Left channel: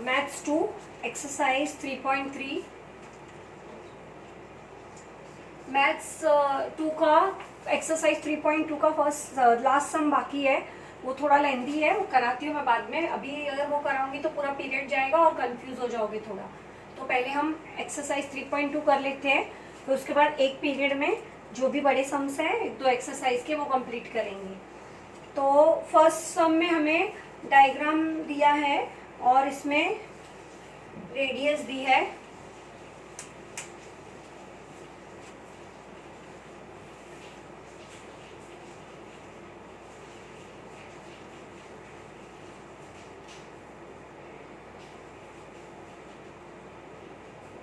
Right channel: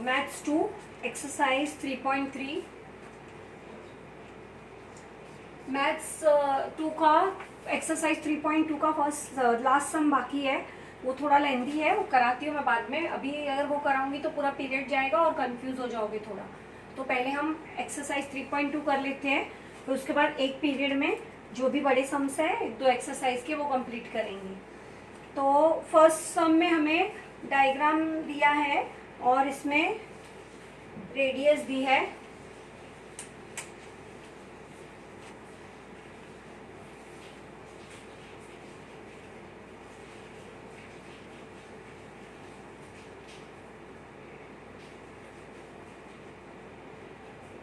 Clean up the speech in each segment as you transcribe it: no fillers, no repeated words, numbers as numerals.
Maths 2 exercise 3.3 maths 2 का exercise 3.2 का first last सम बाकी है। वो थोड़ा लेंदी है, वो कराती हूँ मैं बाद में। अभी अगर वो कराऊंगी तो पूरा पीरियड जाएगा और कंफ्यूज हो जाओगे थोड़ा। तो पहले हम एक्सरसाइज 3.2 कर लेते हैं, फिर उसके बाद एक पीरियड में जो भी बड़े सम्स हैं 2 एक्सरसाइज के वो कंप्लीट करेंगे। तो फर्स्ट सम में हमें डायग्राम दिया है और इसमें रेडियस दी है।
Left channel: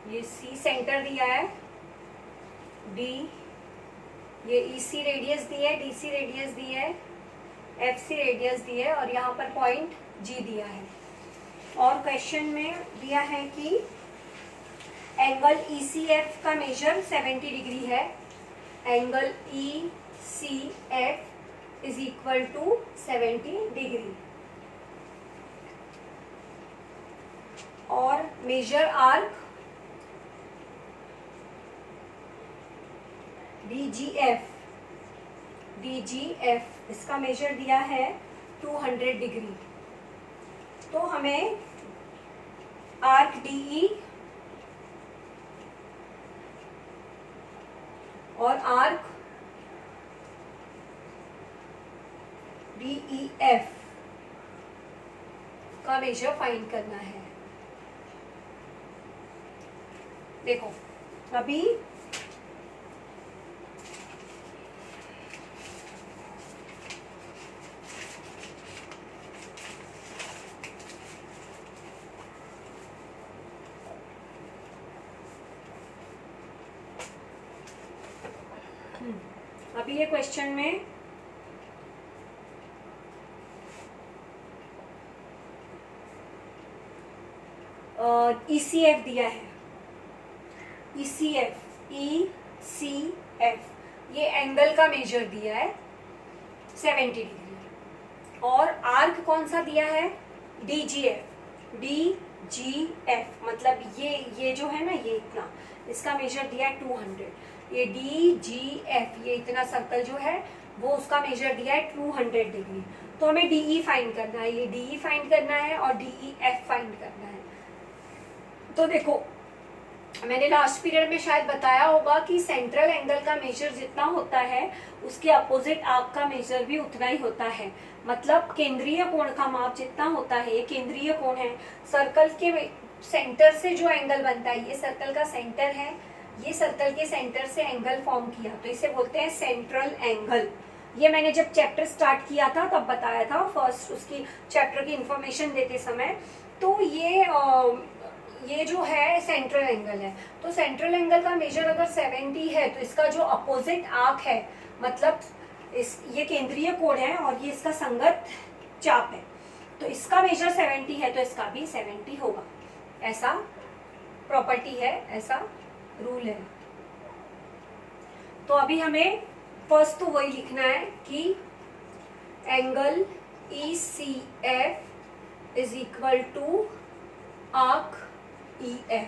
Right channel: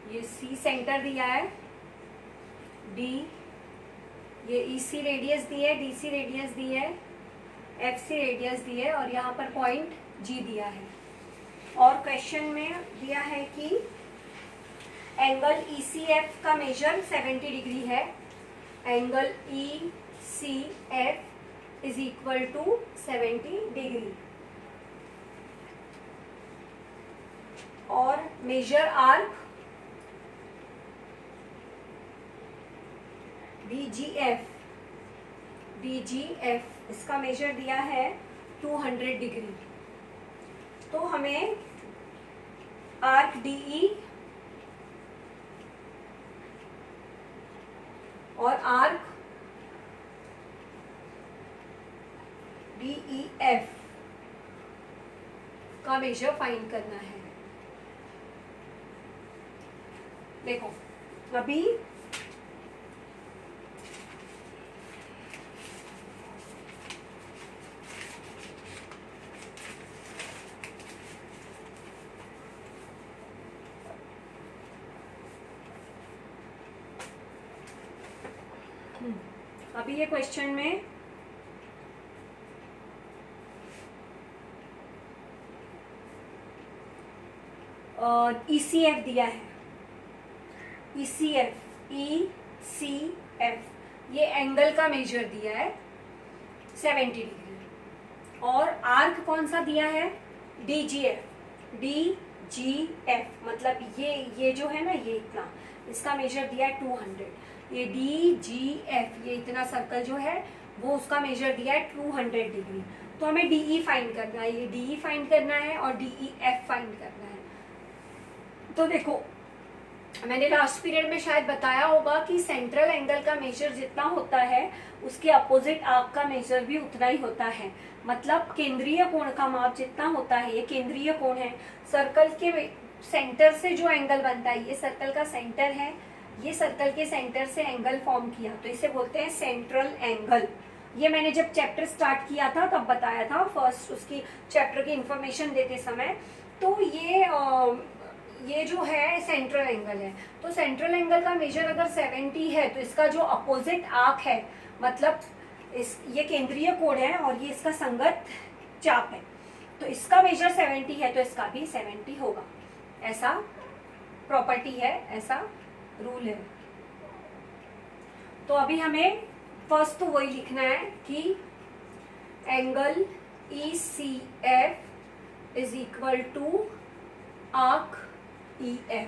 ये सी सेंटर दिया है, डी, ये ईसी रेडियस दी है, डीसी रेडियस दी है, एफसी रेडियस दी है और यहाँ पर पॉइंट जी दिया है। और क्वेश्चन में दिया है कि एंगल ईसीएफ का मेजर 70 डिग्री है। Angle ECF is equal to 70 degree और मेजर आर्क डीजीएफ इसका मेजर दिया है 200 डिग्री। तो हमें आर्क डीई और आर्क डीईएफ का मेजर फाइंड करना है। देखो अभी ये क्वेश्चन में ईसीएफ दिया है। ईसीएफ ये एंगल का मेजर दिया है 70 डिग्री और आर्क कौन सा दिया है? डीजीएफ मतलब ये जो है ना, ये इतना, इसका मेजर दिया है 200। ये डीजीएफ ये इतना सर्कल जो है वो उसका मेजर दिया है 200 डिग्री। तो हमें डीई फाइंड करना है, ये डीई फाइंड करना है और डीईएफ फाइंड करना है। तो देखो मैंने लास्ट पीरियड में शायद बताया होगा कि सेंट्रल एंगल का मेजर जितना होता है उसके अपोजिट आर्क का मेजर भी उतना ही होता है। मतलब केंद्रीय कोण का माप जितना होता है, ये केंद्रीय कोण है, सर्कल के सेंटर से जो एंगल बनता है, ये सर्कल का सेंटर है, ये सर्कल के सेंटर से एंगल फॉर्म किया तो इसे बोलते हैं सेंट्रल एंगल। ये मैंने जब चैप्टर स्टार्ट किया था तब बताया था, फर्स्ट उसकी चैप्टर की इंफॉर्मेशन देते समय। तो ये जो है सेंट्रल एंगल है। तो सेंट्रल एंगल का मेजर अगर 70 है तो इसका जो अपोजिट आर्क है, मतलब ये केंद्रीय कोण है और ये इसका संगत चाप है, तो इसका मेजर 70 है तो इसका भी 70 होगा। ऐसा प्रॉपर्टी है, ऐसा रूल है। तो अभी हमें फर्स्ट तो वही लिखना है कि angle ECF is equal to arc EF।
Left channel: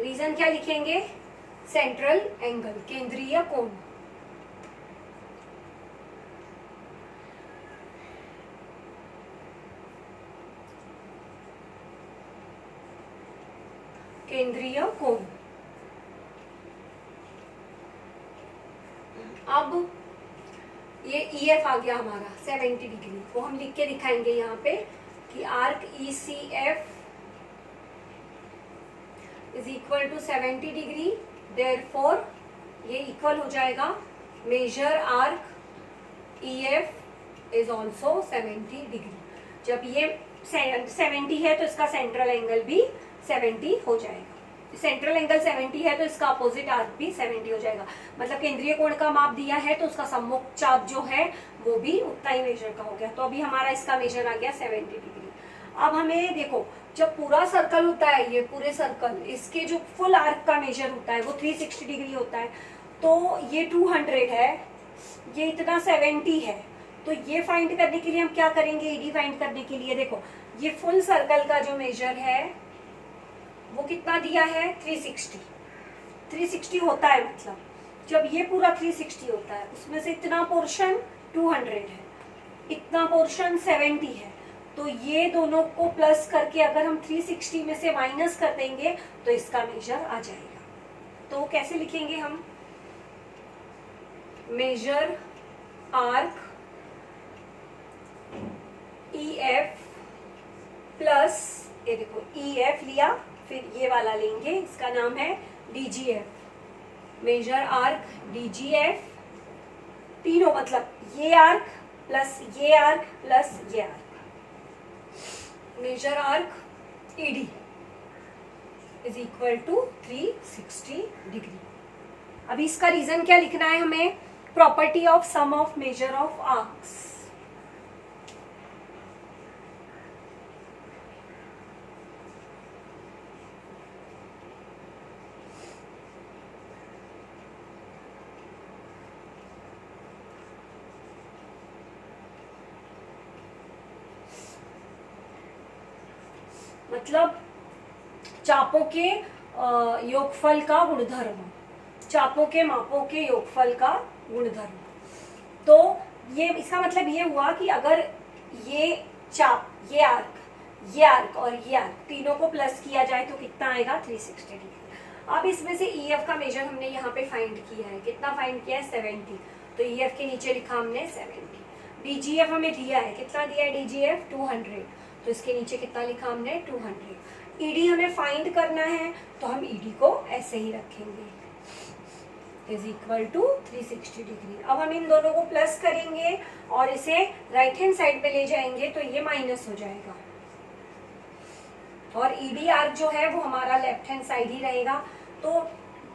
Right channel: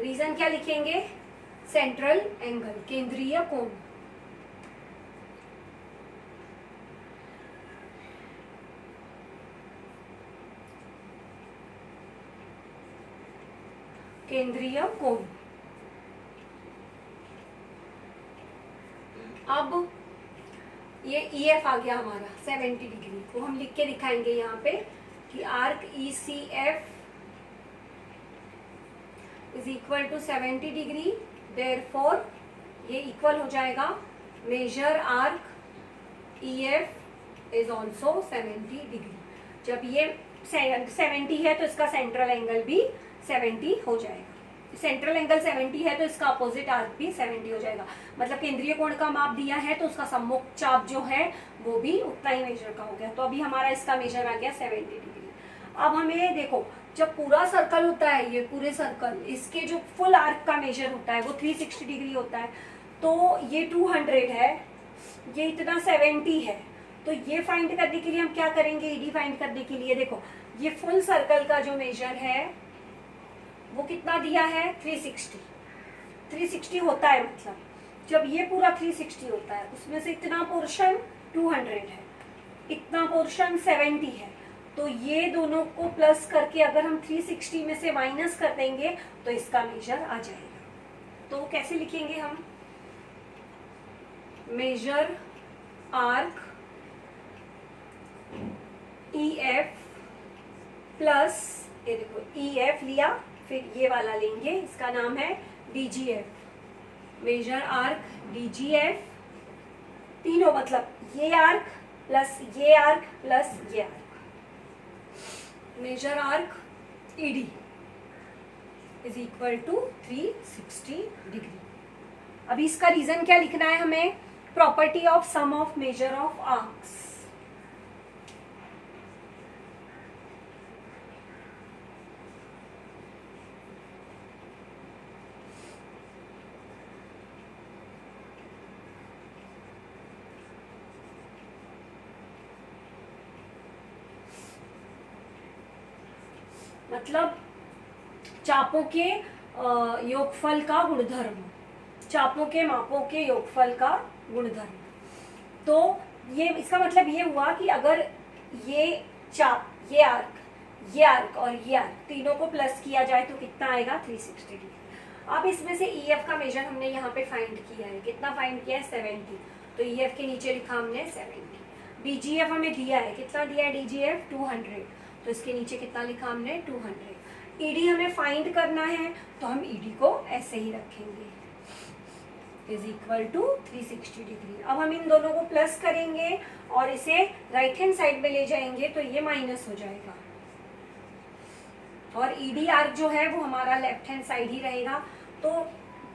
Reason क्या लिखेंगे? सेंट्रल एंगल, केंद्रीय कोण। केंद्रीय कोण। अब ये EF आ गया हमारा 70 डिग्री, वो हम लिख के दिखाएंगे यहाँ पे कि arc ECF is equal to 70 degree, therefore ये इक्वल हो जाएगा measure arc EF is also 70 degree. जब ये 70 है तो इसका सेंट्रल एंगल भी 70 हो जाएगा। सेंट्रल एंगल 70 है तो इसका अपोजिट आर्क भी 70 हो जाएगा। मतलब केंद्रीय कोण का माप दिया है तो उसका सम्मुख चाप जो है वो भी उतना ही मेजर का हो गया। तो अभी हमारा इसका मेजर आ गया 70 डिग्री। अब हमें देखो, जब पूरा सर्कल होता है, ये पूरे सर्कल, इसके जो फुल आर्क का मेजर होता है वो 360 डिग्री होता है। तो ये 200 है, ये इतना 70 है, तो ये फाइंड करने के लिए हम क्या करेंगे, ईडी फाइंड करने के लिए देखो ये फुल सर्कल का जो मेजर है वो कितना दिया है 360 होता है, मतलब जब ये पूरा 360 होता है उसमें से इतना पोर्शन 200 है, इतना पोर्शन 70 है, तो ये दोनों को प्लस करके अगर हम 360 में से माइनस कर देंगे तो इसका मेजर आ जाएगा। तो कैसे लिखेंगे हम, मेजर आर्क EF प्लस ये देखो EF लिया, फिर ये वाला लेंगे, इसका नाम है DGF, मेजर आर्क DGF, तीनों मतलब ये आर्क प्लस ये आर्क प्लस ये arc, measure arc ED is equal to 360 degree. अभी इसका रीजन क्या लिखना है हमें, property of sum of measure of arcs. मतलब चापों के योगफल का गुणधर्म, चापों के मापों के योगफल का गुणधर्म। तो ये इसका मतलब ये हुआ कि अगर ये चाप, ये आर्क और ये आर्क तीनों को प्लस किया जाए तो कितना आएगा 360 डिग्री। अब इसमें से EF का मेजर हमने यहाँ पे फाइंड किया है, कितना फाइंड किया है 70, तो EF के नीचे लिखा हमने 70। DGF हमें दिया है, कितना दिया है DGF 200, तो इसके नीचे कितना लिखा हमने 200। ED हमें फाइंड करना है तो हम ED को ऐसे ही रखेंगे, इज इक्वल टू 360 डिग्री। अब हम इन दोनों को प्लस करेंगे और इसे राइट हैंड साइड में ले जाएंगे तो ये माइनस हो जाएगा, और ED आर्क जो है वो हमारा लेफ्ट हैंड साइड ही रहेगा। तो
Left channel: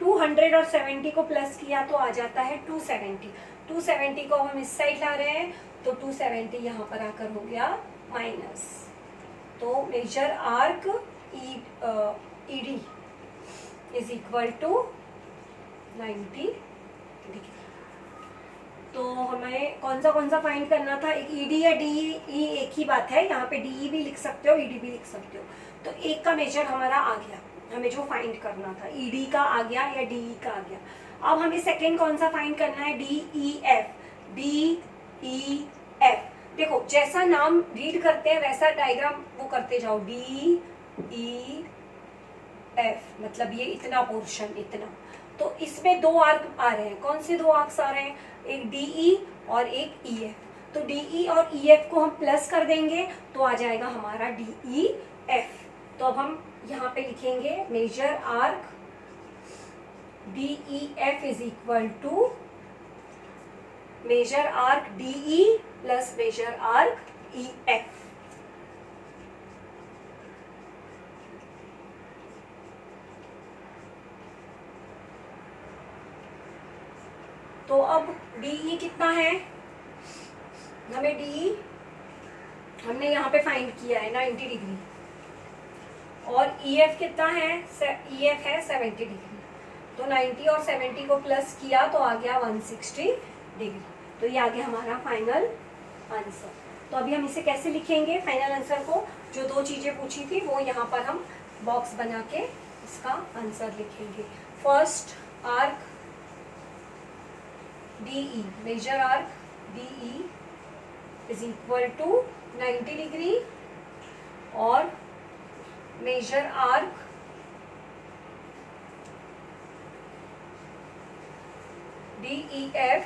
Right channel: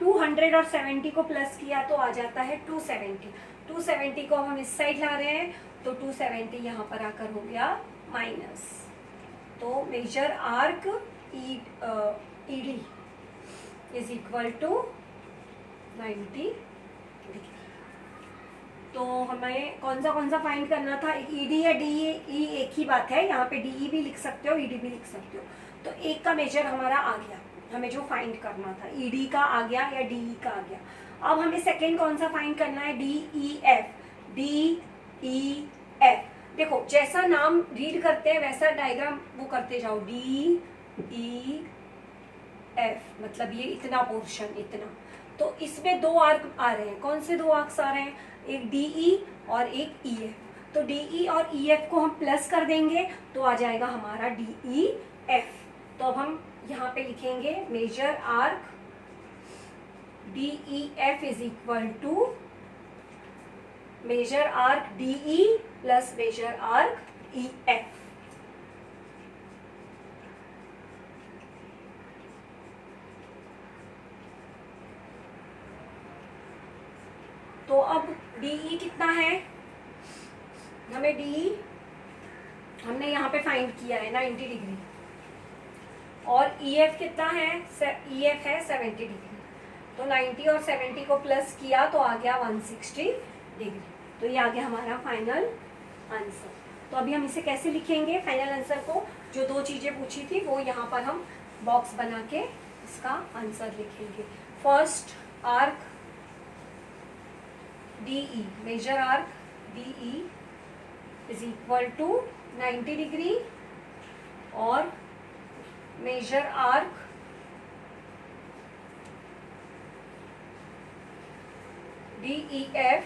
200 और 70 को प्लस किया तो आ जाता है 270 को हम इस साइड ला रहे हैं तो 270 यहाँ पर आकर हो गया माइनस। तो measure arc ED is equal to 90 degree. तो हमें कौन सा फाइंड करना था, एक ED या DE एक ही बात है, यहाँ पे DE भी लिख सकते हो ED भी लिख सकते हो। तो एक का मेजर हमारा आ गया, हमें जो फाइंड करना था ED का आ गया या DE का आ गया। अब हमें सेकेंड कौन सा फाइंड करना है, DEF। देखो जैसा नाम रीड करते हैं वैसा डायग्राम वो करते जाओ, DEF मतलब ये इतना पोर्शन, इतना। तो इसमें दो आर्क आ रहे हैं, कौन से दो आर्क्स आ रहे हैं, एक DE और एक EF। तो DE और EF को हम प्लस कर देंगे तो आ जाएगा हमारा DEF। तो अब हम यहाँ पे लिखेंगे measure arc DEF is equal to measure arc DE plus measure arc EF। तो अब DE कितना है, हमें DE हमने यहाँ पे फाइंड किया है 90 डिग्री, और EF कितना है, EF है 70 डिग्री। तो 90 और 70 को प्लस किया तो आ गया 160 डिग्री। तो ये आ गया हमारा फाइनल आंसर। तो अभी हम इसे कैसे लिखेंगे फाइनल आंसर को, जो दो चीजें पूछी थी वो यहाँ पर हम बॉक्स बना के इसका आंसर लिखेंगे। First arc DE, measure arc DE is equal to 90 degree, और measure arc DEF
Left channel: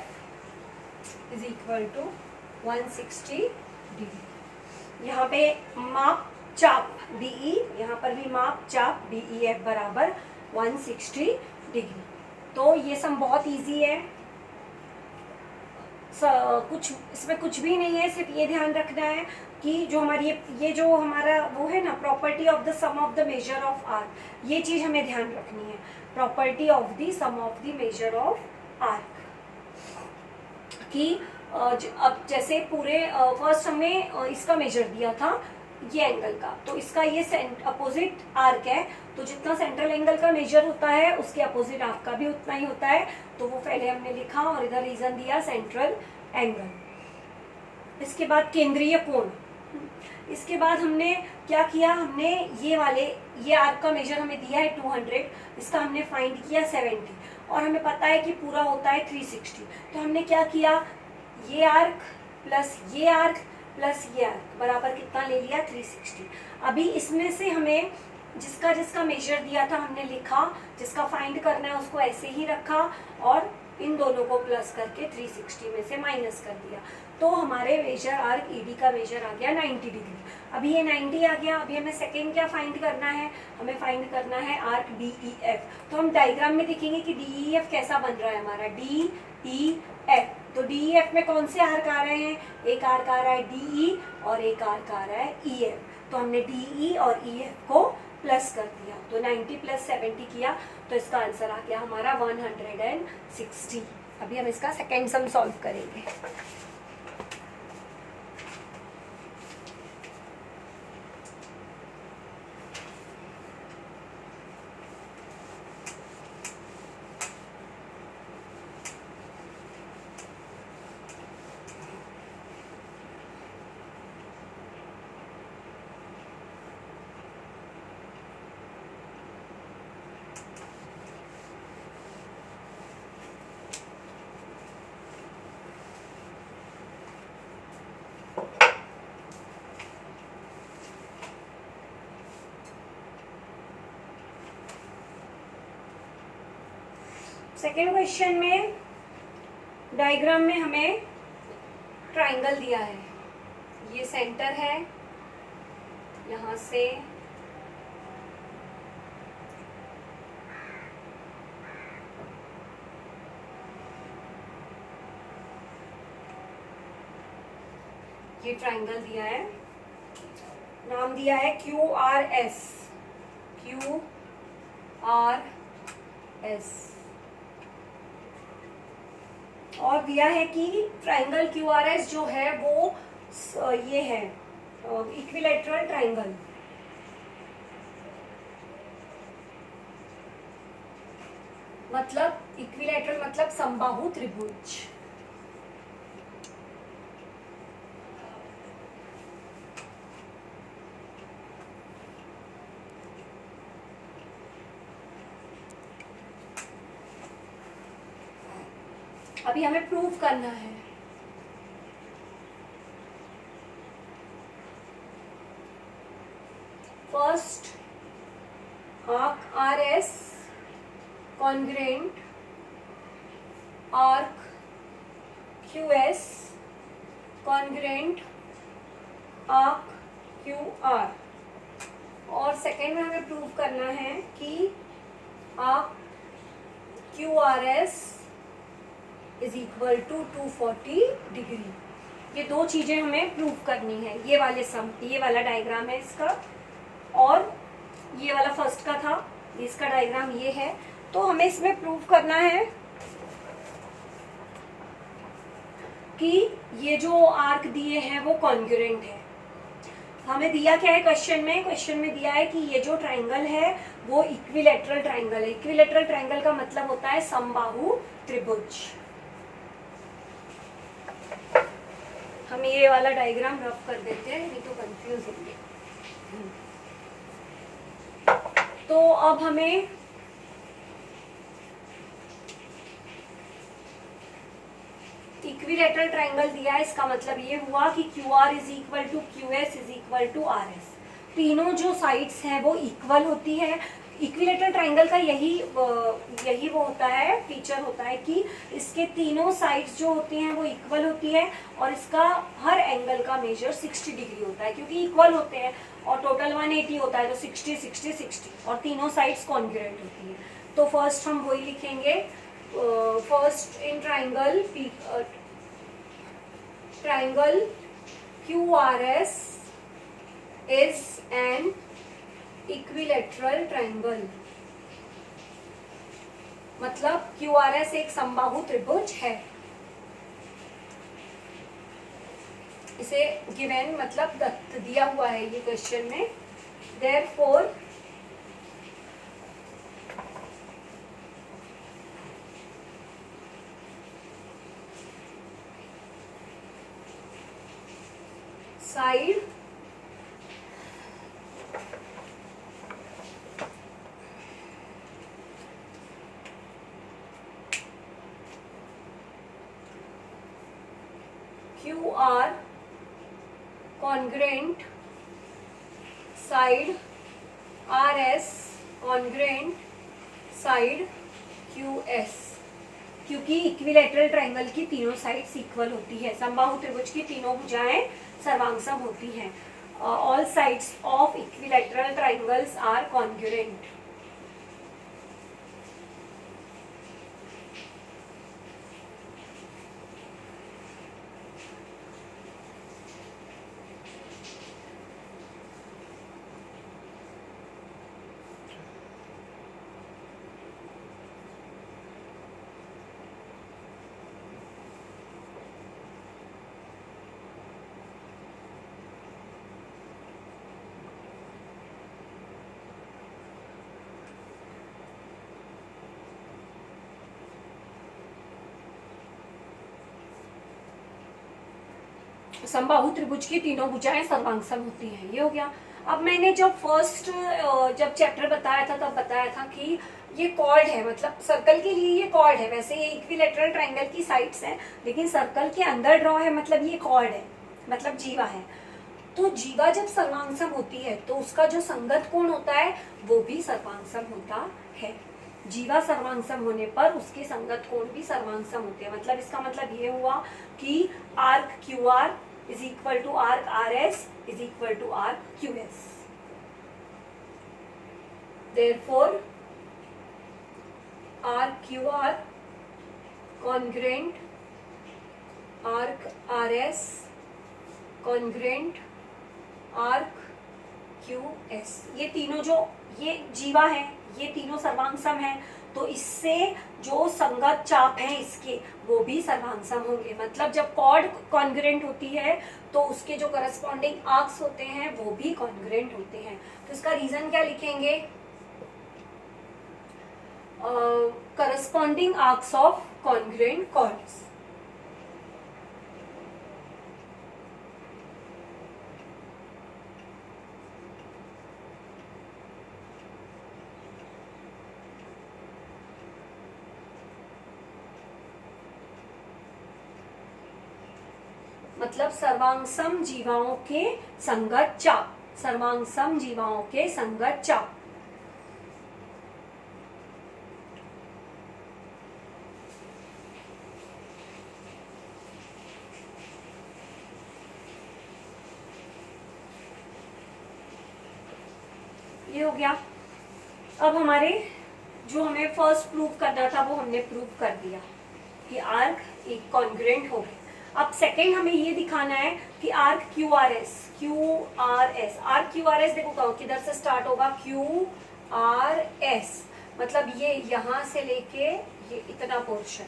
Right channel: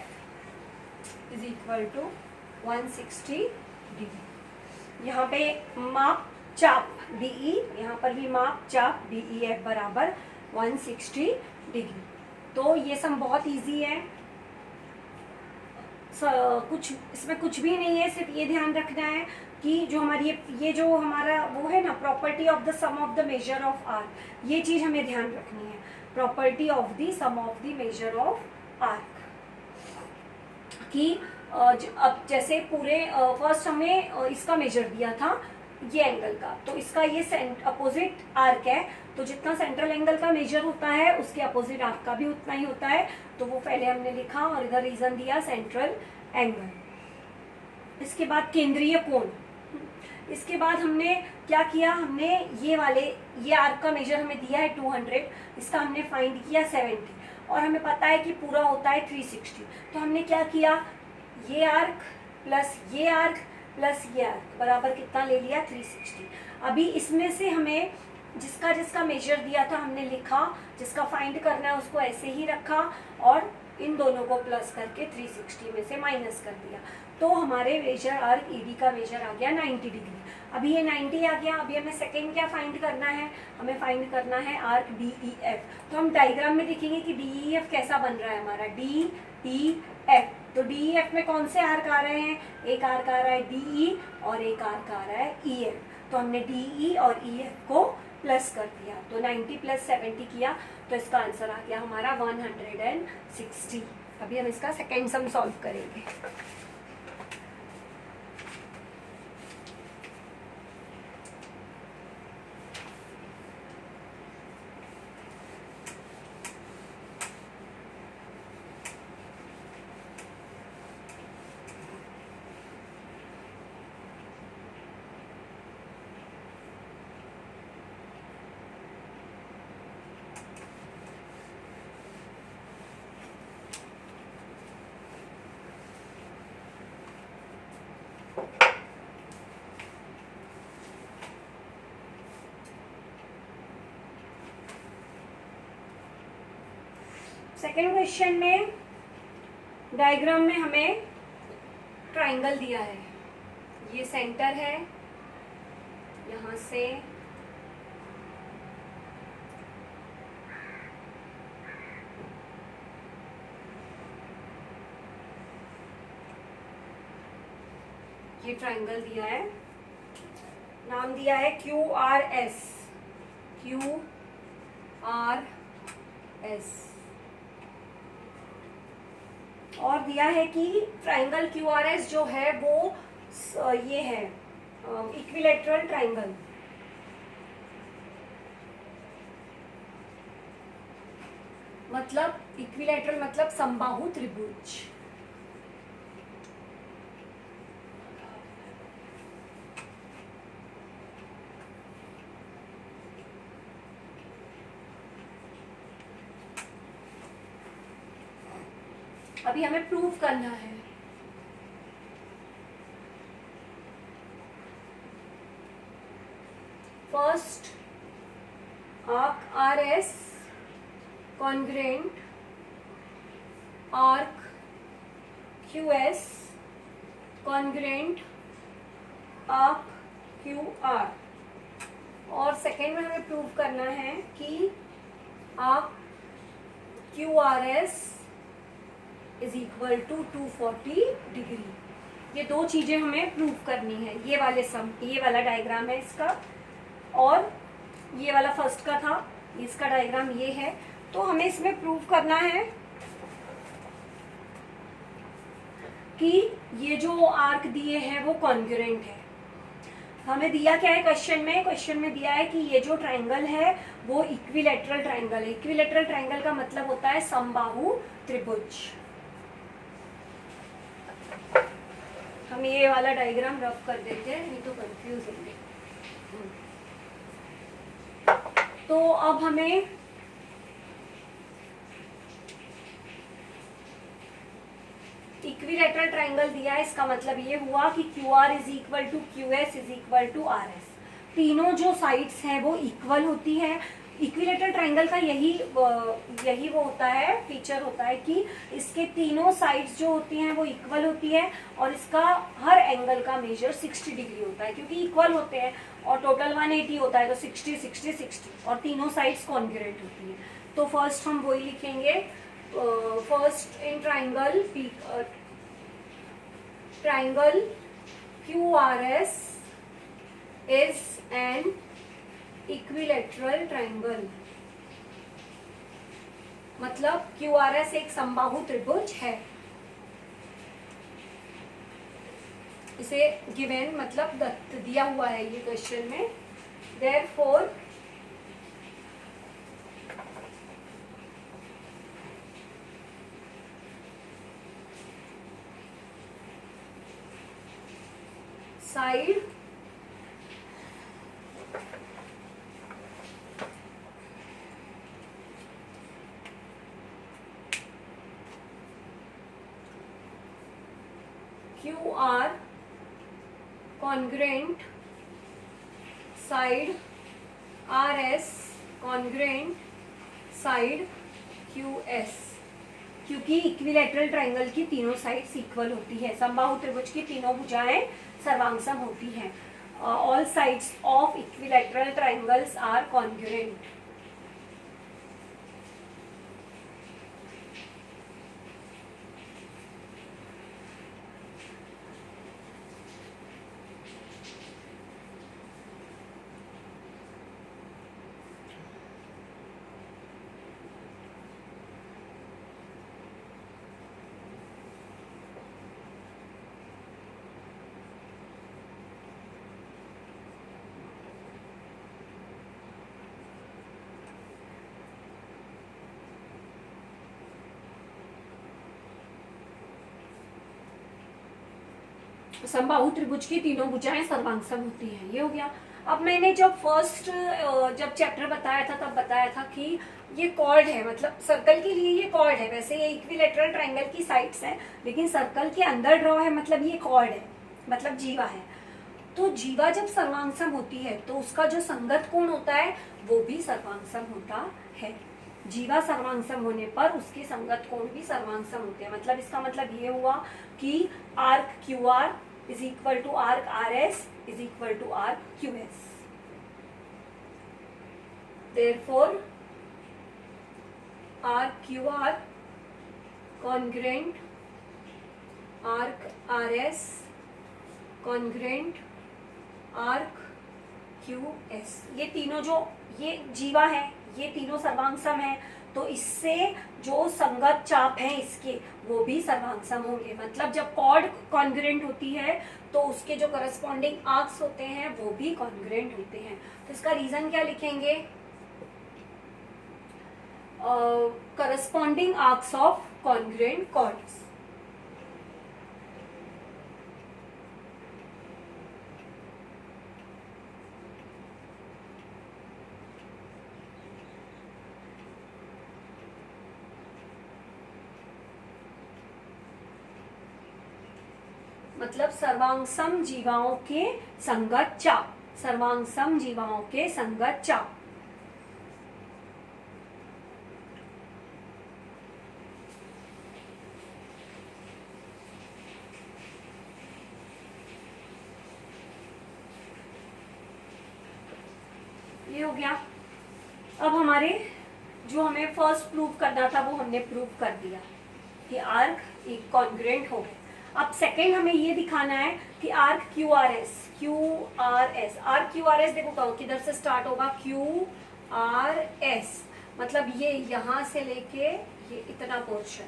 is equal to 160 degree. यहाँ पे माप चाप DE, यहाँ पर भी माप चाप DEF बराबर 160 डिग्री। तो ये सम बहुत इजी है, कुछ इसमें कुछ भी नहीं है, सिर्फ ये ध्यान रखना है कि जो हमारी ये जो हमारा वो है ना property of the sum of the measure of arc, ये चीज हमें ध्यान रखनी है, property of the sum of the measure of arc. कि अब जैसे पूरे फर्स्ट हमें इसका मेजर दिया था ये एंगल का, तो इसका ये अपोजिट आर्क है, तो जितना सेंट्रल एंगल का मेजर होता है उसके अपोजिट आर्क का भी उतना ही होता है। तो वो पहले हमने लिखा और इधर रीजन दिया सेंट्रल एंगल। इसके बाद केंद्रीय कोण। इसके बाद हमने क्या किया, हमने ये आर्क का मेजर हमें दिया है 200, इसका हमने फाइंड किया 70 और हमें पता है कि पूरा होता है 360। तो हमने क्या किया, ये आर्क प्लस ये आर्क प्लस ये आर्क बराबर कितना ले लिया, 360। अभी इसमें से हमें जिसका जिसका मेजर दिया था हमने लिखा, जिसका फाइंड करना है उसको ऐसे ही रखा और इन दोनों को प्लस करके 360 में से माइनस कर दिया। तो हमारे मेजर आर्क ईडी का मेजर आ गया 90 डिग्री। अभी ये 90 आ गया। अभी हमें सेकेंड क्या फाइंड करना है, हमें फाइंड करना है आर्क डी ई एफ। तो हम डायग्राम में देखेंगे कि डी ई एफ कैसा बन रहा है हमारा, डी ई एफ। तो डी ई एफ में कौन से आर्क आ रहे हैं, एक आर्क आ रहा है डी ई और एक आर्क आ रहा है ई एफ। तो हमने डी ई और ई एफ को प्लस कर दिया, तो 90 प्लस 70 किया तो इसका आंसर आ गया हमारा 160। अभी हम इसका सेकेंड सम सॉल्व करेंगे। सेकेंड क्वेश्चन में डायग्राम में हमें ट्राइंगल दिया है, ये सेंटर है, यहां से ये ट्राइंगल दिया है, नाम दिया है Q R S, Q R S, और दिया है कि ट्राइंगल क्यू आर एस जो है वो ये है इक्विलेटरल ट्राइंगल। मतलब इक्विलेटरल मतलब समबाहु त्रिभुज। अभी हमें प्रूव करना है। First arc R S congruent arc Q S congruent arc Q R, और सेकेंड में हमें प्रूव करना है कि arc Q R S is equal to 240 degree. ये दो चीजें हमें प्रूव करनी है। ये वाला डायग्राम है इसका, और ये वाला फर्स्ट का था, इसका डायग्राम ये है। तो हमें इसमें प्रूव करना है कि ये जो आर्क दिए हैं वो कॉन्ग्रुएंट है। हमें दिया क्या है क्वेश्चन में दिया है कि ये जो ट्राइंगल है वो इक्विलेटरल ट्राइंगल है। इक्विलेटरल ट्राइंगल का मतलब होता है समबाहु त्रिभुज। हम ये वाला डायग्राम रफ कर देते हैं, नहीं तो कंफ्यूज होंगे। तो अब हमें इक्विलेटरल ट्राइंगल दिया है, इसका मतलब ये हुआ कि Q R is equal to Q S is equal to R S. तीनों जो साइड्स हैं वो इक्वल होती है। इक्विलेटरल ट्राइंगल का यही वो होता है, फीचर होता है कि इसके तीनों साइड्स जो होती हैं वो इक्वल होती है और इसका हर एंगल का मेजर 60 डिग्री होता है, क्योंकि इक्वल होते हैं और टोटल 180 होता है, तो 60 60 60 और तीनों साइड्स कॉन्ग्रुएंट होती है। तो फर्स्ट हम वही लिखेंगे, first in triangle Q R S is an equilateral triangle. मतलब क्यू आर एस एक समबाहु त्रिभुज है। इसे गिवन मतलब दत्त दिया हुआ है ये क्वेश्चन में। Therefore side QR congruent side RS congruent side QS, क्योंकि इक्विलैटरल ट्रायंगल की तीनों साइड्स इक्वल होती है, समबाहु त्रिभुज की तीनों भुजाएं सर्वांगसम होती हैं. All sides of equilateral triangles are congruent. समबाहु त्रिभुज की तीनों भुजाएं सर्वांगसम होती हैं. ये हो गया. अब मैंने जब चैप्टर बताया था तब बताया था कि ये कॉर्ड है, मतलब सर्कल के लिए ये कॉर्ड है. वैसे ये इक्विलैटरल ट्रायंगल की साइड्स हैं, लेकिन सर्कल के अंदर ड्रॉ है, मतलब ये कॉर्ड है, मतलब जीवा है. तो जीवा जब सर्वांगसम होती है तो उसका जो संगत कोण होता है वो भी सर्वांगसम होता है. जीवा सर्वांगसम होने पर उसके संगत कोण भी सर्वांगसम होते हैं. मतलब इसका मतलब ये हुआ कि arc QR is equal to arc RS is equal to arc QS. Therefore, arc QR congruent arc RS congruent arc QS. ये तीनों जो ये जीवा है, ये तीनों सर्वांगसम है, तो इससे जो संगत चाप हैं इसके वो भी सर्वांगसम होंगे. मतलब जब कॉर्ड कॉन्ग्रुएंट होती है तो उसके जो करस्पॉन्डिंग आर्क्स होते हैं वो भी कॉन्ग्रुएंट होते हैं. तो इसका रीजन क्या लिखेंगे? Corresponding arcs of congruent chords. मतलब सर्वांगसम जीवाओं के संगत चाप, सर्वांगसम जीवाओं के संगत चाप. ये हो गया. अब हमारे जो हमें फर्स्ट प्रूव करना था वो हमने प्रूव कर दिया कि आर्क एक कॉन्ग्रुएंट हो गए. अब सेकेंड हमें ये दिखाना है कि आर्क QRS आर्क QRS देखो किधर से स्टार्ट होगा, QRS मतलब ये यहां से लेके ये इतना पोर्शन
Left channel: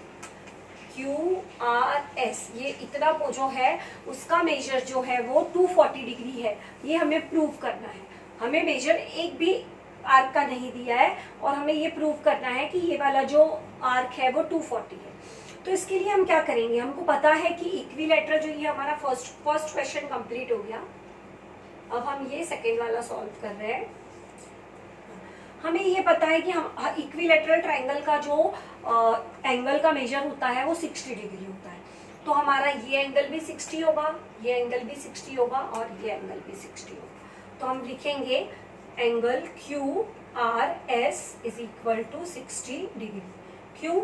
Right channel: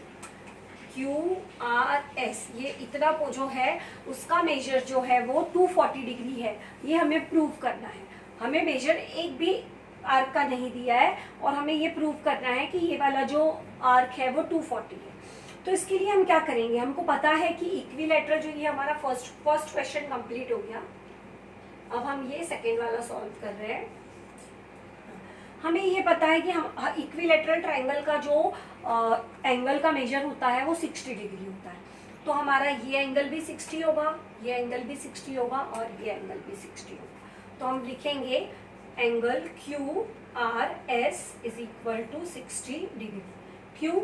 QRS, ये इतना जो है उसका मेजर जो है वो 240 डिग्री है. ये हमें प्रूव करना है. हमें मेजर एक भी आर्क का नहीं दिया है और हमें ये प्रूव करना है कि ये वाला जो आर्क है वो 240 है. तो इसके लिए हम क्या करेंगे? हमको पता है कि इक्विलैटरल जो ये हमारा फर्स्ट क्वेश्चन कंप्लीट हो गया. अब हम ये सेकेंड वाला सॉल्व कर रहे हैं. हमें ये पता है कि हम इक्विलैटरल ट्रायंगल का जो एंगल का मेजर होता है वो 60 डिग्री होता है. तो हमारा ये एंगल भी 60 होगा, ये एंगल भी 60 होगा और ये एंगल भी 60 होगा. तो हम लिखेंगे angle QRS is equal to 60 degree. क्यों?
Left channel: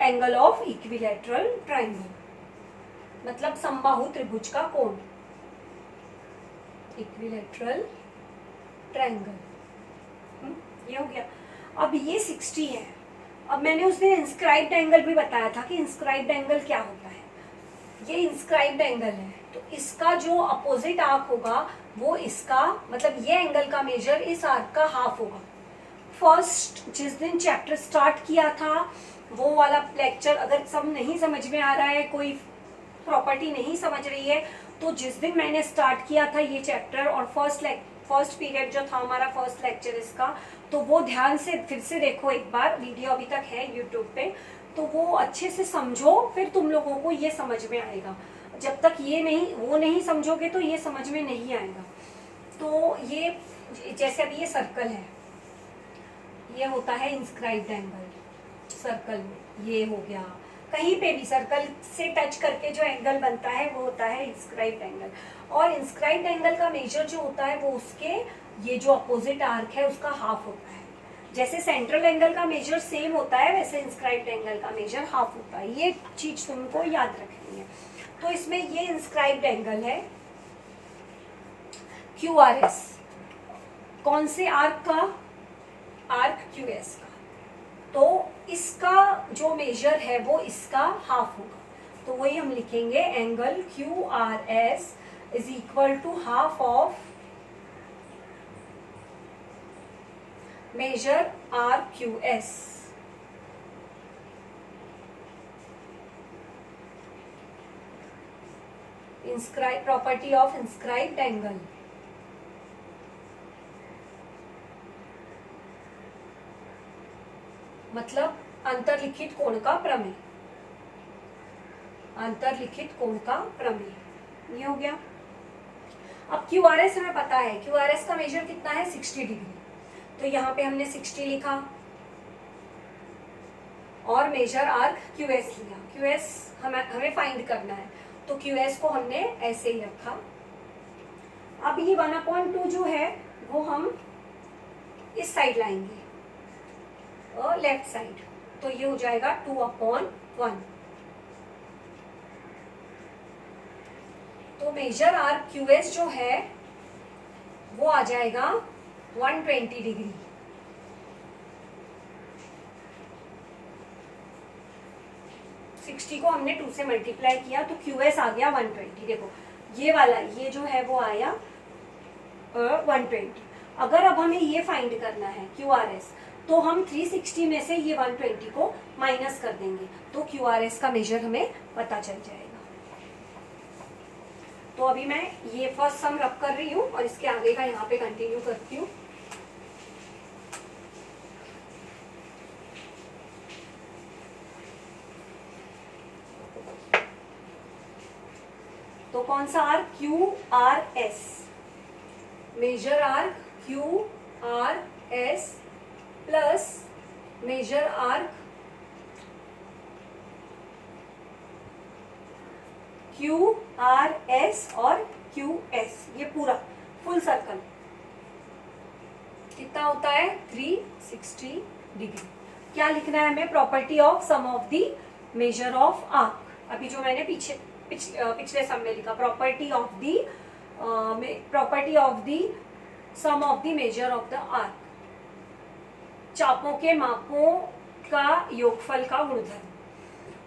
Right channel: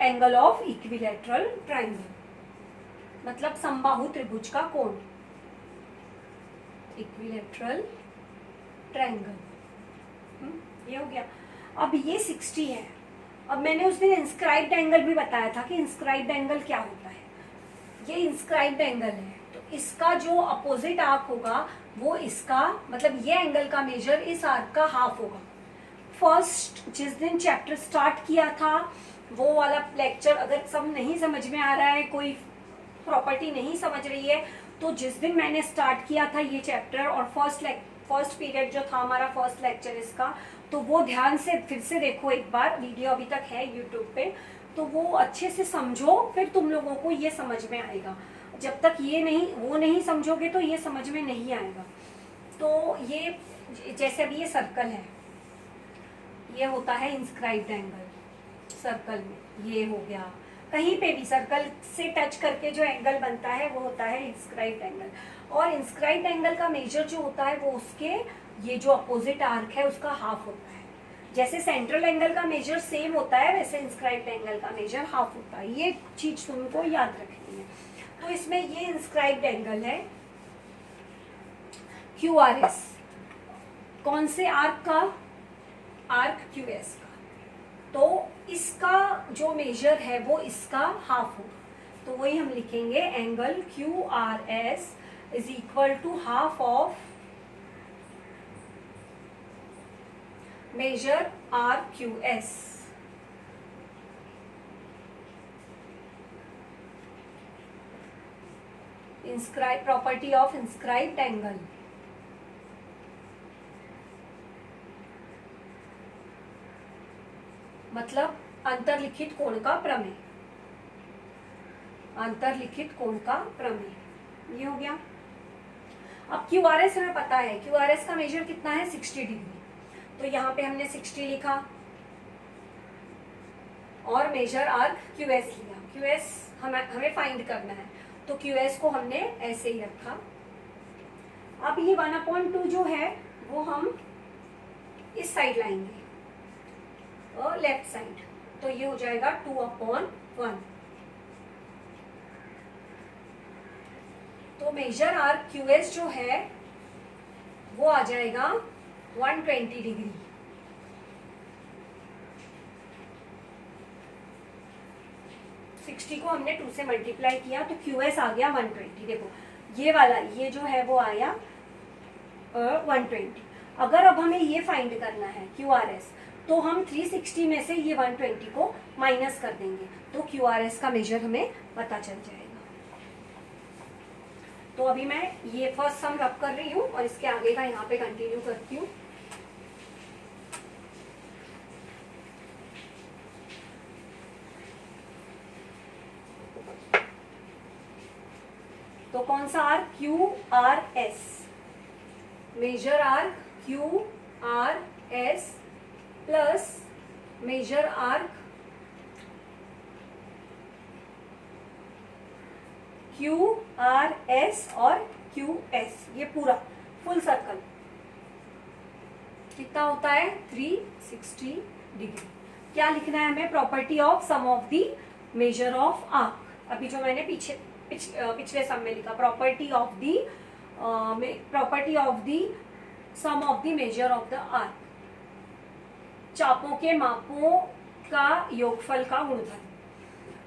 एंगल ऑफ इक्विलैटरल ट्रायंगल, मतलब समबाहु त्रिभुज का कोण, इक्विलैटरल ट्रायंगल. ये हो गया. अब ये 60 है. अब मैंने उस दिन इंस्क्राइब्ड एंगल भी बताया था कि इंस्क्राइब्ड एंगल क्या होता है. ये इंस्क्राइब्ड एंगल है, तो इसका जो अपोजिट आर्क होगा वो इसका, मतलब ये एंगल का मेजर इस आर्क का हाफ होगा. फर्स्ट जिस दिन चैप्टर स्टार्ट किया था वो वाला लेक्चर अगर सब नहीं समझ में आ रहा है, कोई प्रॉपर्टी नहीं समझ रही है, तो जिस दिन मैंने स्टार्ट किया था ये चैप्टर और फर्स्ट पीरियड जो था हमारा फर्स्ट लेक्चर इसका, तो वो ध्यान से फिर से देखो एक बार. वीडियो अभी तक है यूट्यूब पे, तो वो अच्छे से समझो, फिर तुम लोगों को ये समझ में आएगा। जब तक ये नहीं वो नहीं समझोगे तो ये समझ में नहीं आएगा। तो ये जैसे अभी ये सर्कल है, ये होता है इंस्क्राइब्ड एंगल। सर्कल में ये हो गया, कहीं पे भी सर्कल से टच करके जो एंगल बनता है वो होता है इंस्क्राइब्ड एंगल। और इंस्क्राइब्ड एंगल का मेजर जो होता है वो उसके ये जो अपोजिट आर्क है उसका हाफ होता है। जैसे सेंट्रल एंगल का मेजर सेम होता है, वैसे इंस्क्राइब्ड एंगल का मेजर हाफ होता है। ये चीज तुमको याद रखनी है। तो इसमें ये इंस्क्राइब्ड एंगल है QRS, कौन से आर्क का? आर्क QS का। तो इसका जो मेजर है वो इसका हाफ होगा। तो वही हम लिखेंगे, angle QRS is equal to half of measure RQS। Inscribe property of inscribed angle. मतलब अंतरलिखित कोण का प्रमेय। अंतरलिखित कोण का प्रमेय, ये हो गया। अब QRS हमें पता है, QRS का मेजर कितना है? 60 डिग्री। तो यहाँ पे हमने 60 लिखा और मेजर आर्क QS लिया। QS हमें फाइंड करना है, तो QS को हमने ऐसे ही रखा। अब ये 1/2 जो है वो हम इस साइड लाएंगे, लेफ्ट साइड, तो ये हो जाएगा 2/1। तो मेजर आर्क QS जो है वो आ जाएगा 120 डिग्री। को हमने 2 से मल्टीप्लाई किया तो QS आ गया 120। देखो ये वाला, ये जो है वो आया 120। अगर अब हमें ये फाइंड करना है QRS, तो हम 360 में से ये 120 को माइनस कर देंगे, तो QRS का मेजर हमें पता चल जाएगा। तो अभी मैं ये फर्स्ट सम रब कर रही हूँ और इसके आगे का यहाँ पे कंटिन्यू करती हूँ। तो कौन सा arc? QRS, measure arc QRS plus measure arc QRS और QS, ये पूरा फुल सर्कल कितना होता है? 360 डिग्री। क्या लिखना है हमें? Property of sum of the measure of arc. अभी जो मैंने पिछले सम में लिखा, property of the sum of the measure of the arc, चापों के मापों का योगफल का गुणधर्म।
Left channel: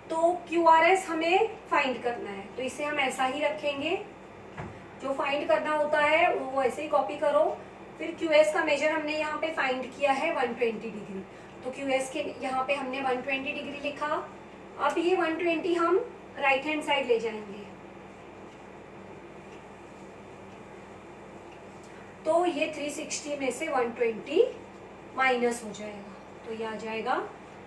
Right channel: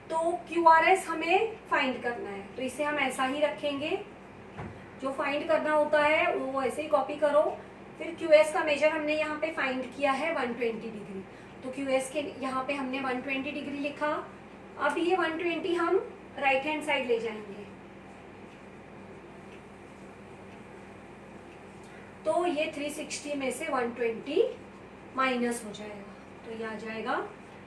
तो QRS हमें फाइंड करना है, तो इसे हम ऐसा ही रखेंगे। जो फाइंड करना होता है वो ऐसे ही कॉपी करो। फिर QS का मेजर हमने यहाँ पे फाइंड किया है 120 डिग्री, तो QS के यहाँ पे हमने 120 डिग्री लिखा। अब ये 120 हम राइट हैंड साइड ले जाएंगे, तो ये 360 में से 120 माइनस हो जाएगा, तो ये आ जाएगा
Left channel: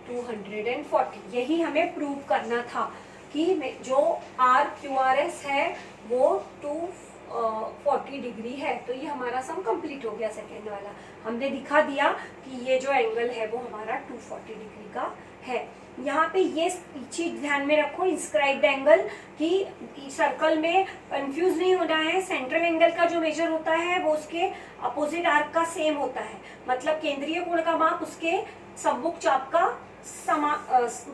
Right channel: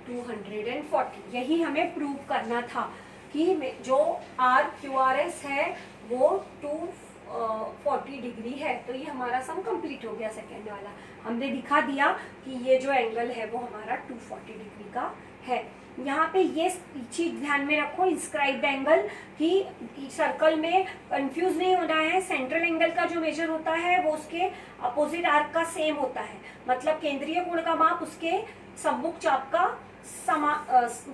240। यही हमें प्रूव करना था कि जो RQRS है वो 240 डिग्री है। तो ये हमारा सम कंप्लीट हो गया। सेकेंड वाला हमने दिखा दिया कि ये जो एंगल है वो हमारा 240 डिग्री का है। यहाँ पे ये चीज ध्यान में रखो, इंस्क्राइब्ड एंगल की सर्कल में कंफ्यूज नहीं होना है। सेंट्रल एंगल का जो मेजर होता है वो उसके अपोजिट आर्क का सेम होता है, मतलब केंद्रीय कोण का माप उसके सम्मुख चाप का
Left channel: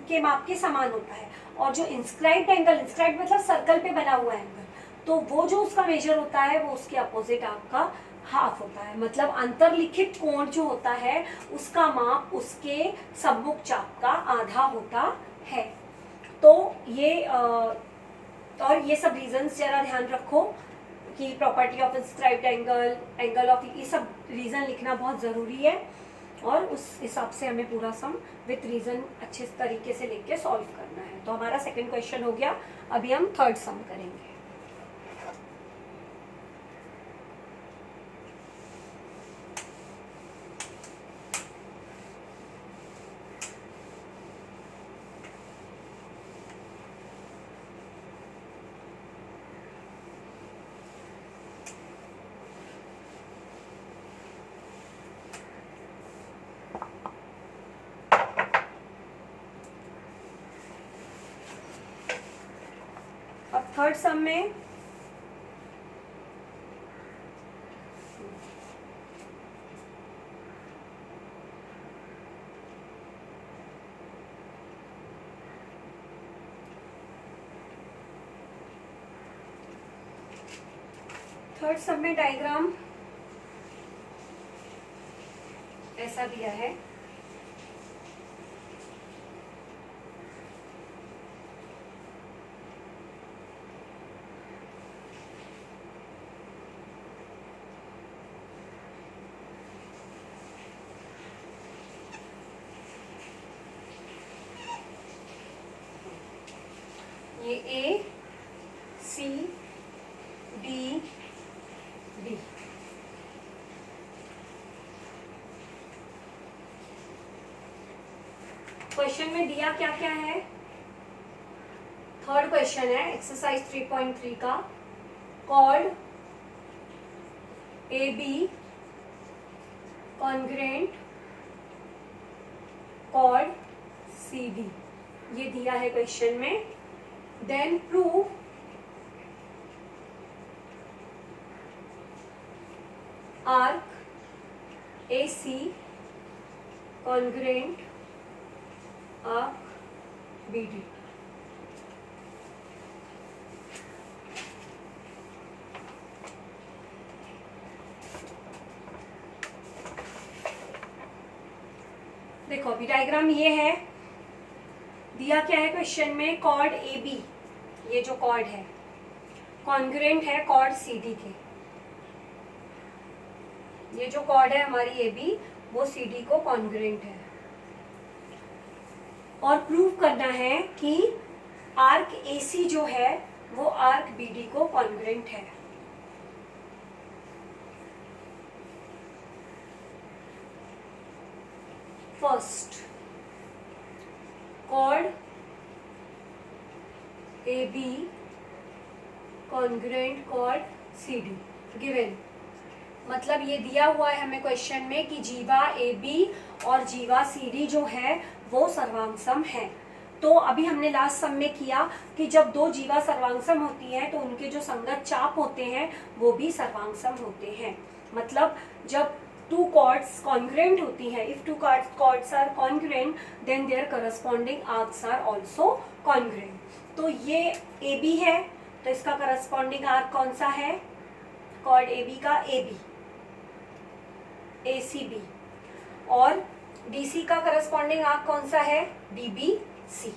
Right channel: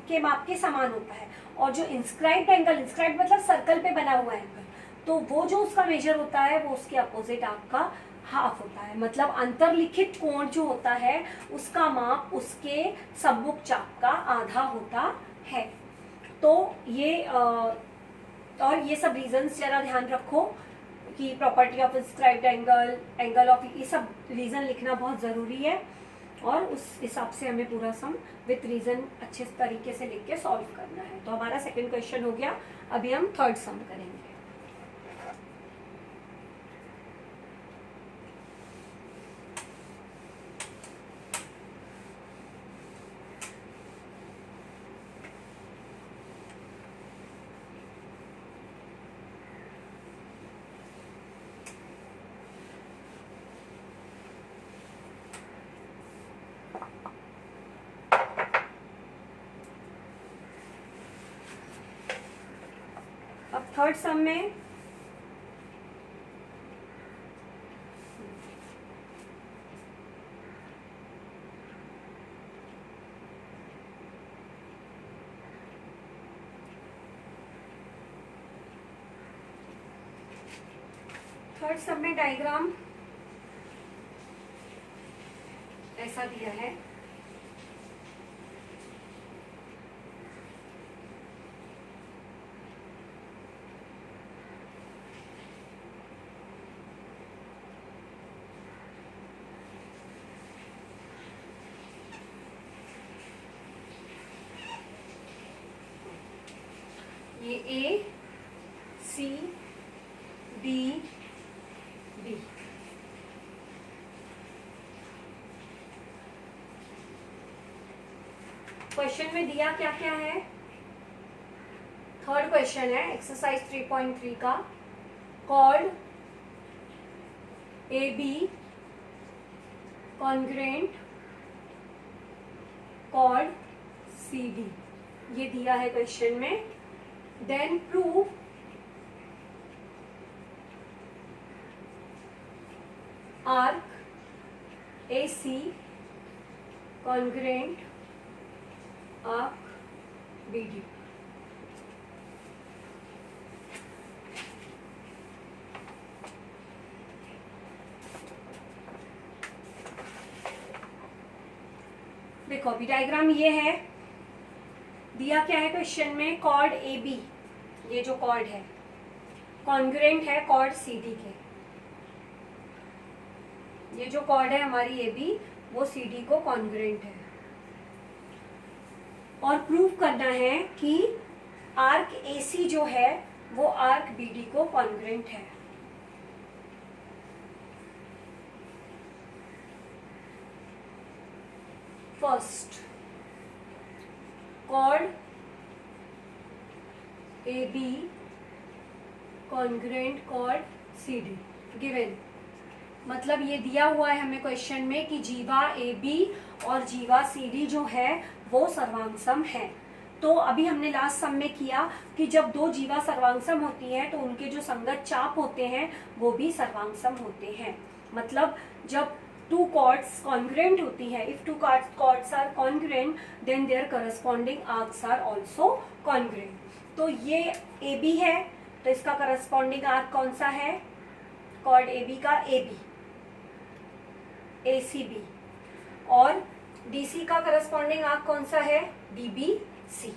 के माप के समान होता है। और जो इंस्क्राइब्ड एंगल, इंस्क्राइब्ड मतलब सर्कल पे बना हुआ एंगल, तो वो जो उसका मेजर होता है वो उसके अपोजिट आर्क का हाफ होता है। मतलब अंतरलिखित कोण जो होता है उसका माप उसके सम्मुख चाप का आधा होता है। तो ये और ये सब रीजंस जरा ध्यान रखो कि property of inscribed angle, angle of, ये सब रीजन लिखना बहुत जरूरी है। और उस हिसाब से हमें पूरा सम विथ रीजन अच्छे तरीके से लिख के सॉल्व करना है। तो हमारा सेकंड क्वेश्चन हो गया। अभी हम थर्ड सम करेंगे। अब थर्ड सम में डायग्राम ऐसा दिया है। ये ए सी डी बी। क्वेश्चन में दिया क्या क्या है? थर्ड क्वेश्चन है एक्सरसाइज 3.3 का। Chord A B congruent chord C D, ये दिया है क्वेश्चन में। Then prove arc A C congruent arc B D. देखो अभी डायग्राम ये है, दिया क्या है क्वेश्चन में? कॉर्ड ए बी, ये जो कॉर्ड है कॉन्ग्रेंट है कॉर्ड सी डी के। ये जो कॉर्ड है हमारी ए बी वो सी डी को कॉन्ग्रेंट है, और प्रूव करना है कि आर्क ए सी जो है वो आर्क बी डी को कॉन्ग्रेंट है। First, chord A B congruent chord C D given. मतलब ये दिया हुआ है हमें क्वेश्चन में कि जीवा ए बी और जीवा सी डी जो है वो सर्वांगसम है। तो अभी हमने लास्ट सम में किया कि जब दो जीवा सर्वांगसम होती है तो उनके जो संगत चाप होते हैं वो भी सर्वांगसम होते हैं। मतलब जब two chords congruent होती है, if two chords are congruent then their corresponding arcs are also congruent। तो ये AB है तो इसका corresponding arc कौन सा है? chord AB का AB, ACB, और DC का corresponding arc कौन सा है? DBC।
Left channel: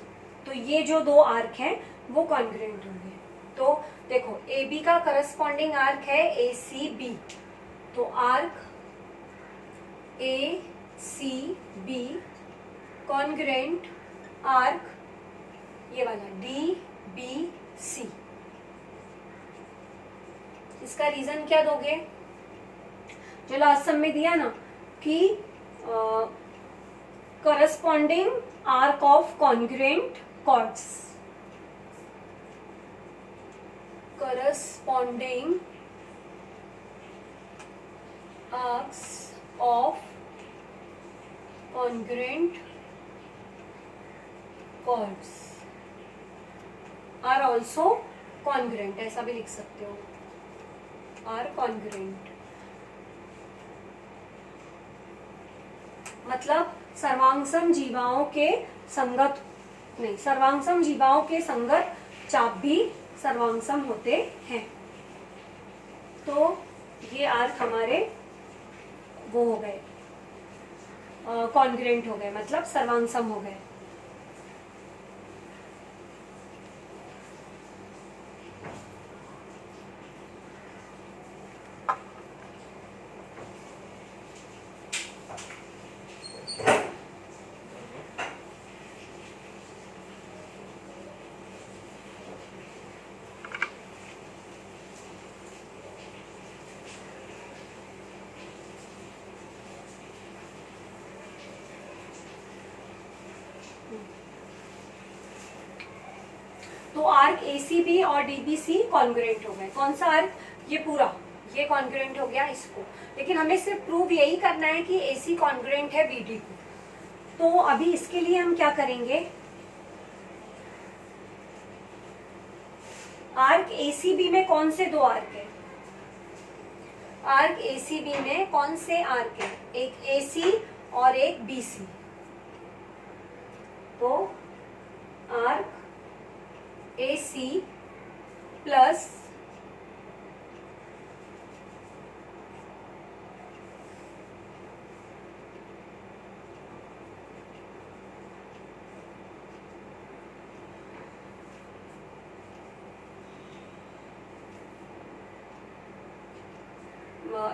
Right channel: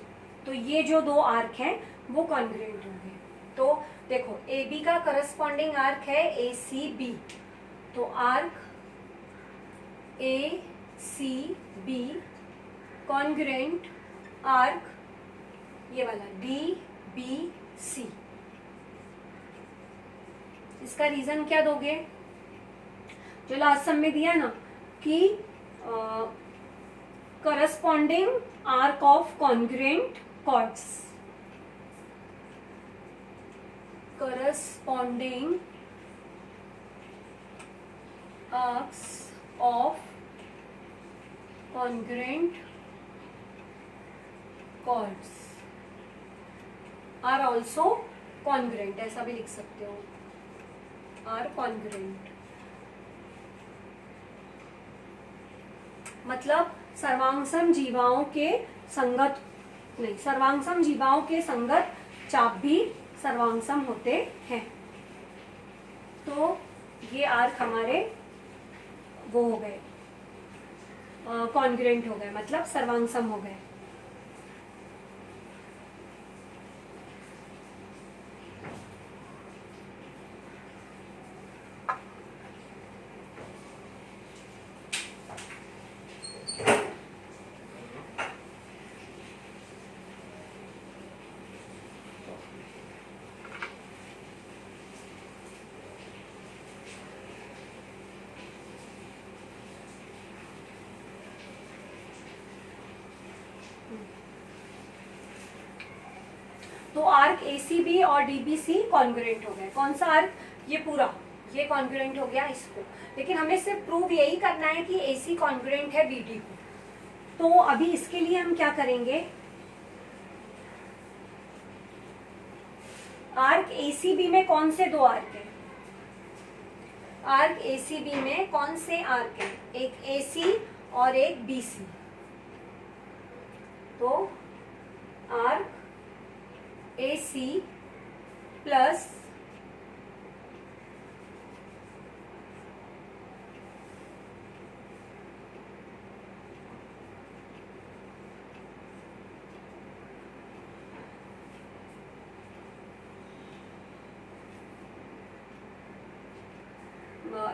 तो ये जो दो आर्क हैं वो congruent होंगे। तो देखो AB का corresponding arc है ACB, तो arc A C B congruent arc ये वाला डी बी सी। इसका रीजन क्या दोगे? जो लास्ट सम में दिया ना कि corresponding arc of congruent chords, corresponding arcs of congruent chords are also congruent, ऐसा भी लिख सकते हो, are congruent। मतलब सर्वांगसम जीवाओं के संगत नहीं, सर्वांगसम जीवाओं के संगत चाप भी सर्वांगसम होते हैं। तो ये आर्क हमारे वो हो गए कॉन्ग्रेंट हो गए, मतलब सर्वांगसम हो गए। तो आर्क एसीबी और डीबीसी कॉन्ग्रुएंट हो गए। कौन सा आर्क? ये पूरा, ये कॉन्ग्रुएंट हो गया इसको। लेकिन हमें सिर्फ प्रूव यही करना है कि एसी कॉन्ग्रुएंट है बीडी को। तो अभी इसके लिए हम क्या करेंगे? आर्क एसीबी में कौन से दो आर्क है? आर्क एसीबी में कौन से आर्क है? एक एसी और एक बीसी। तो arc AC plus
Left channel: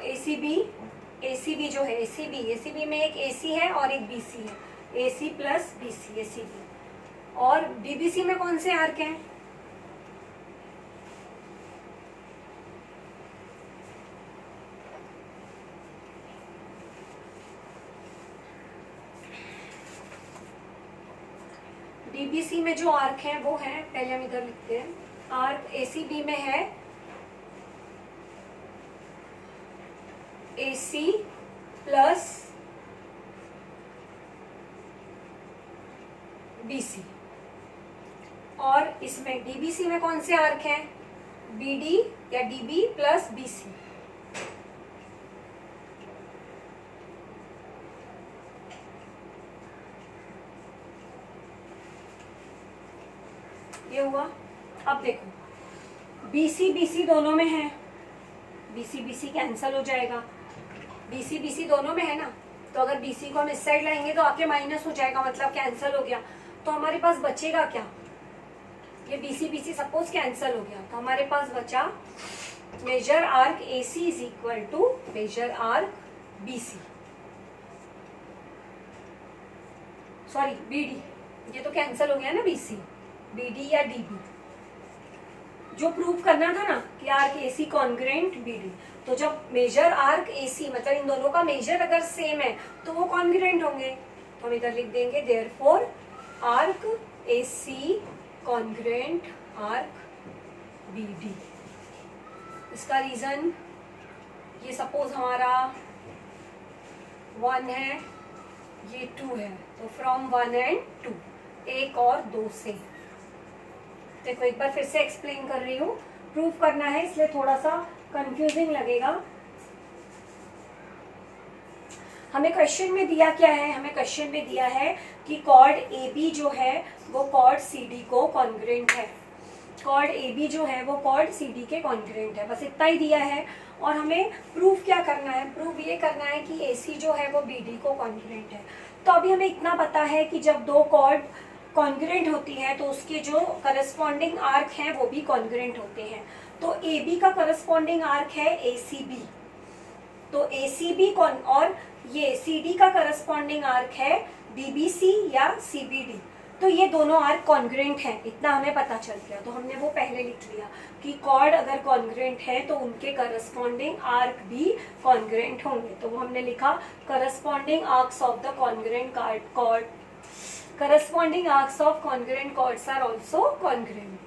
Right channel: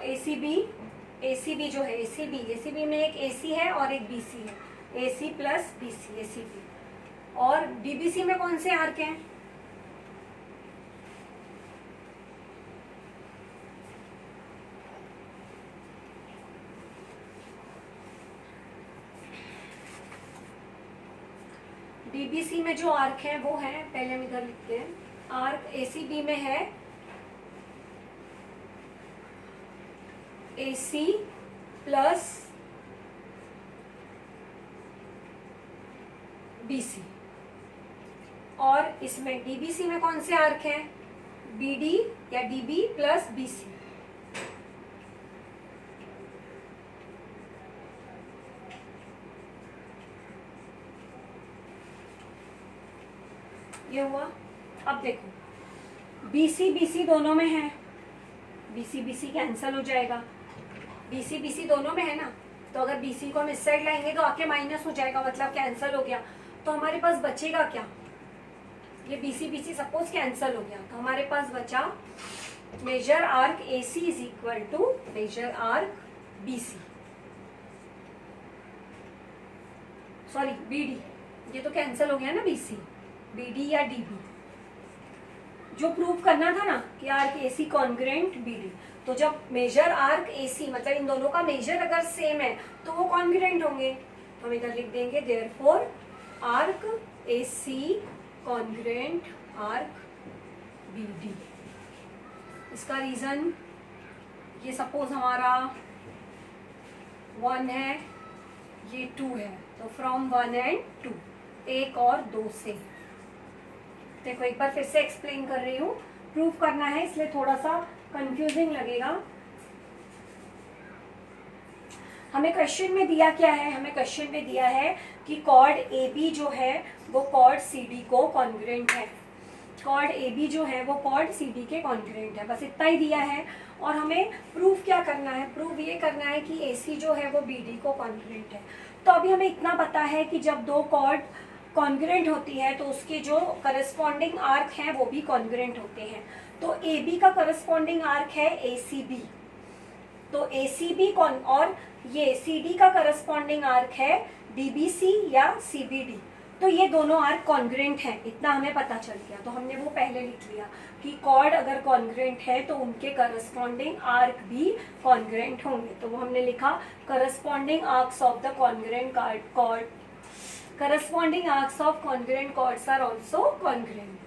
ACB, ACB जो है एसीबी में एक एसी है और एक बीसी है, एसी प्लस बीसी एसीबी। और डीबीसी में कौन से आर्क हैं? डीबीसी में जो आर्क है वो है, पहले हम इधर लिखते हैं, आर्क एसीबी में है एसी प्लस बीसी। और इसमें डीबीसी में कौन से आर्क हैं? बीडी या डीबी प्लस बीसी। ये हुआ। अब देखो बीसी बीसी दोनों में है, बीसी बीसी कैंसल हो जाएगा, बीसी बीसी दोनों में है ना, तो अगर बीसी को हम इस साइड लाएंगे तो आके माइनस हो जाएगा, मतलब कैंसल हो गया। तो हमारे पास बचेगा क्या? ये बीसी बीसी सपोज कैंसल हो गया, तो हमारे पास बचा measure arc AC is equal to measure arc BC, sorry BD, ये तो कैंसल हो गया ना बीसी, बीडी या डीबी। जो प्रूव करना था ना कि आर्क एसी कॉन्ग्रुएंट बीडी, तो जब मेजर आर्क एसी मतलब इन दोनों का मेजर अगर सेम है तो वो कॉन्ग्रुएंट होंगे। तो हम इधर लिख देंगे therefore arc AC congruent arc BD. इसका रीजन, ये सपोज हमारा 1 है, ये 2 है, तो फ्रॉम 1 एंड 2, 1 और 2 से। देखो एक बार फिर से एक्सप्लेन कर रही हूँ, प्रूव करना है इसलिए थोड़ा सा कंफ्यूजिंग लगेगा। हमें क्वेश्चन में दिया क्या है? हमें क्वेश्चन में दिया है कि कॉर्ड ए बी जो है वो कॉर्ड सी डी को कॉन्ग्रुएंट है, कॉर्ड ए बी जो है वो कॉर्ड सी डी के कॉन्ग्रुएंट है, बस इतना ही दिया है। और हमें प्रूफ क्या करना है? प्रूफ ये करना है कि ए सी जो है वो बी डी को कॉन्ग्रुएंट है। तो अभी हमें इतना पता है कि जब दो कॉर्ड कॉन्ग्रुएंट होती है तो उसके जो करस्पॉन्डिंग आर्क हैं वो भी कॉन्ग्रुएंट होते हैं। तो ए बी का करस्पॉन्डिंग आर्क है ए सी बी, तो ए सी बी और ये सी डी का करस्पॉन्डिंग आर्क है डी बी सी या सी बी डी। तो ये दोनों आर्क कॉन्ग्रुएंट हैं, इतना हमें पता चल गया। तो हमने वो पहले लिख लिया कि कॉर्ड अगर कॉन्ग्रुएंट है तो उनके करस्पॉन्डिंग आर्क भी कॉन्ग्रुएंट होंगे। तो वो हमने लिखा corresponding arcs of the congruent chord, corresponding arcs of congruent chords are also congruent.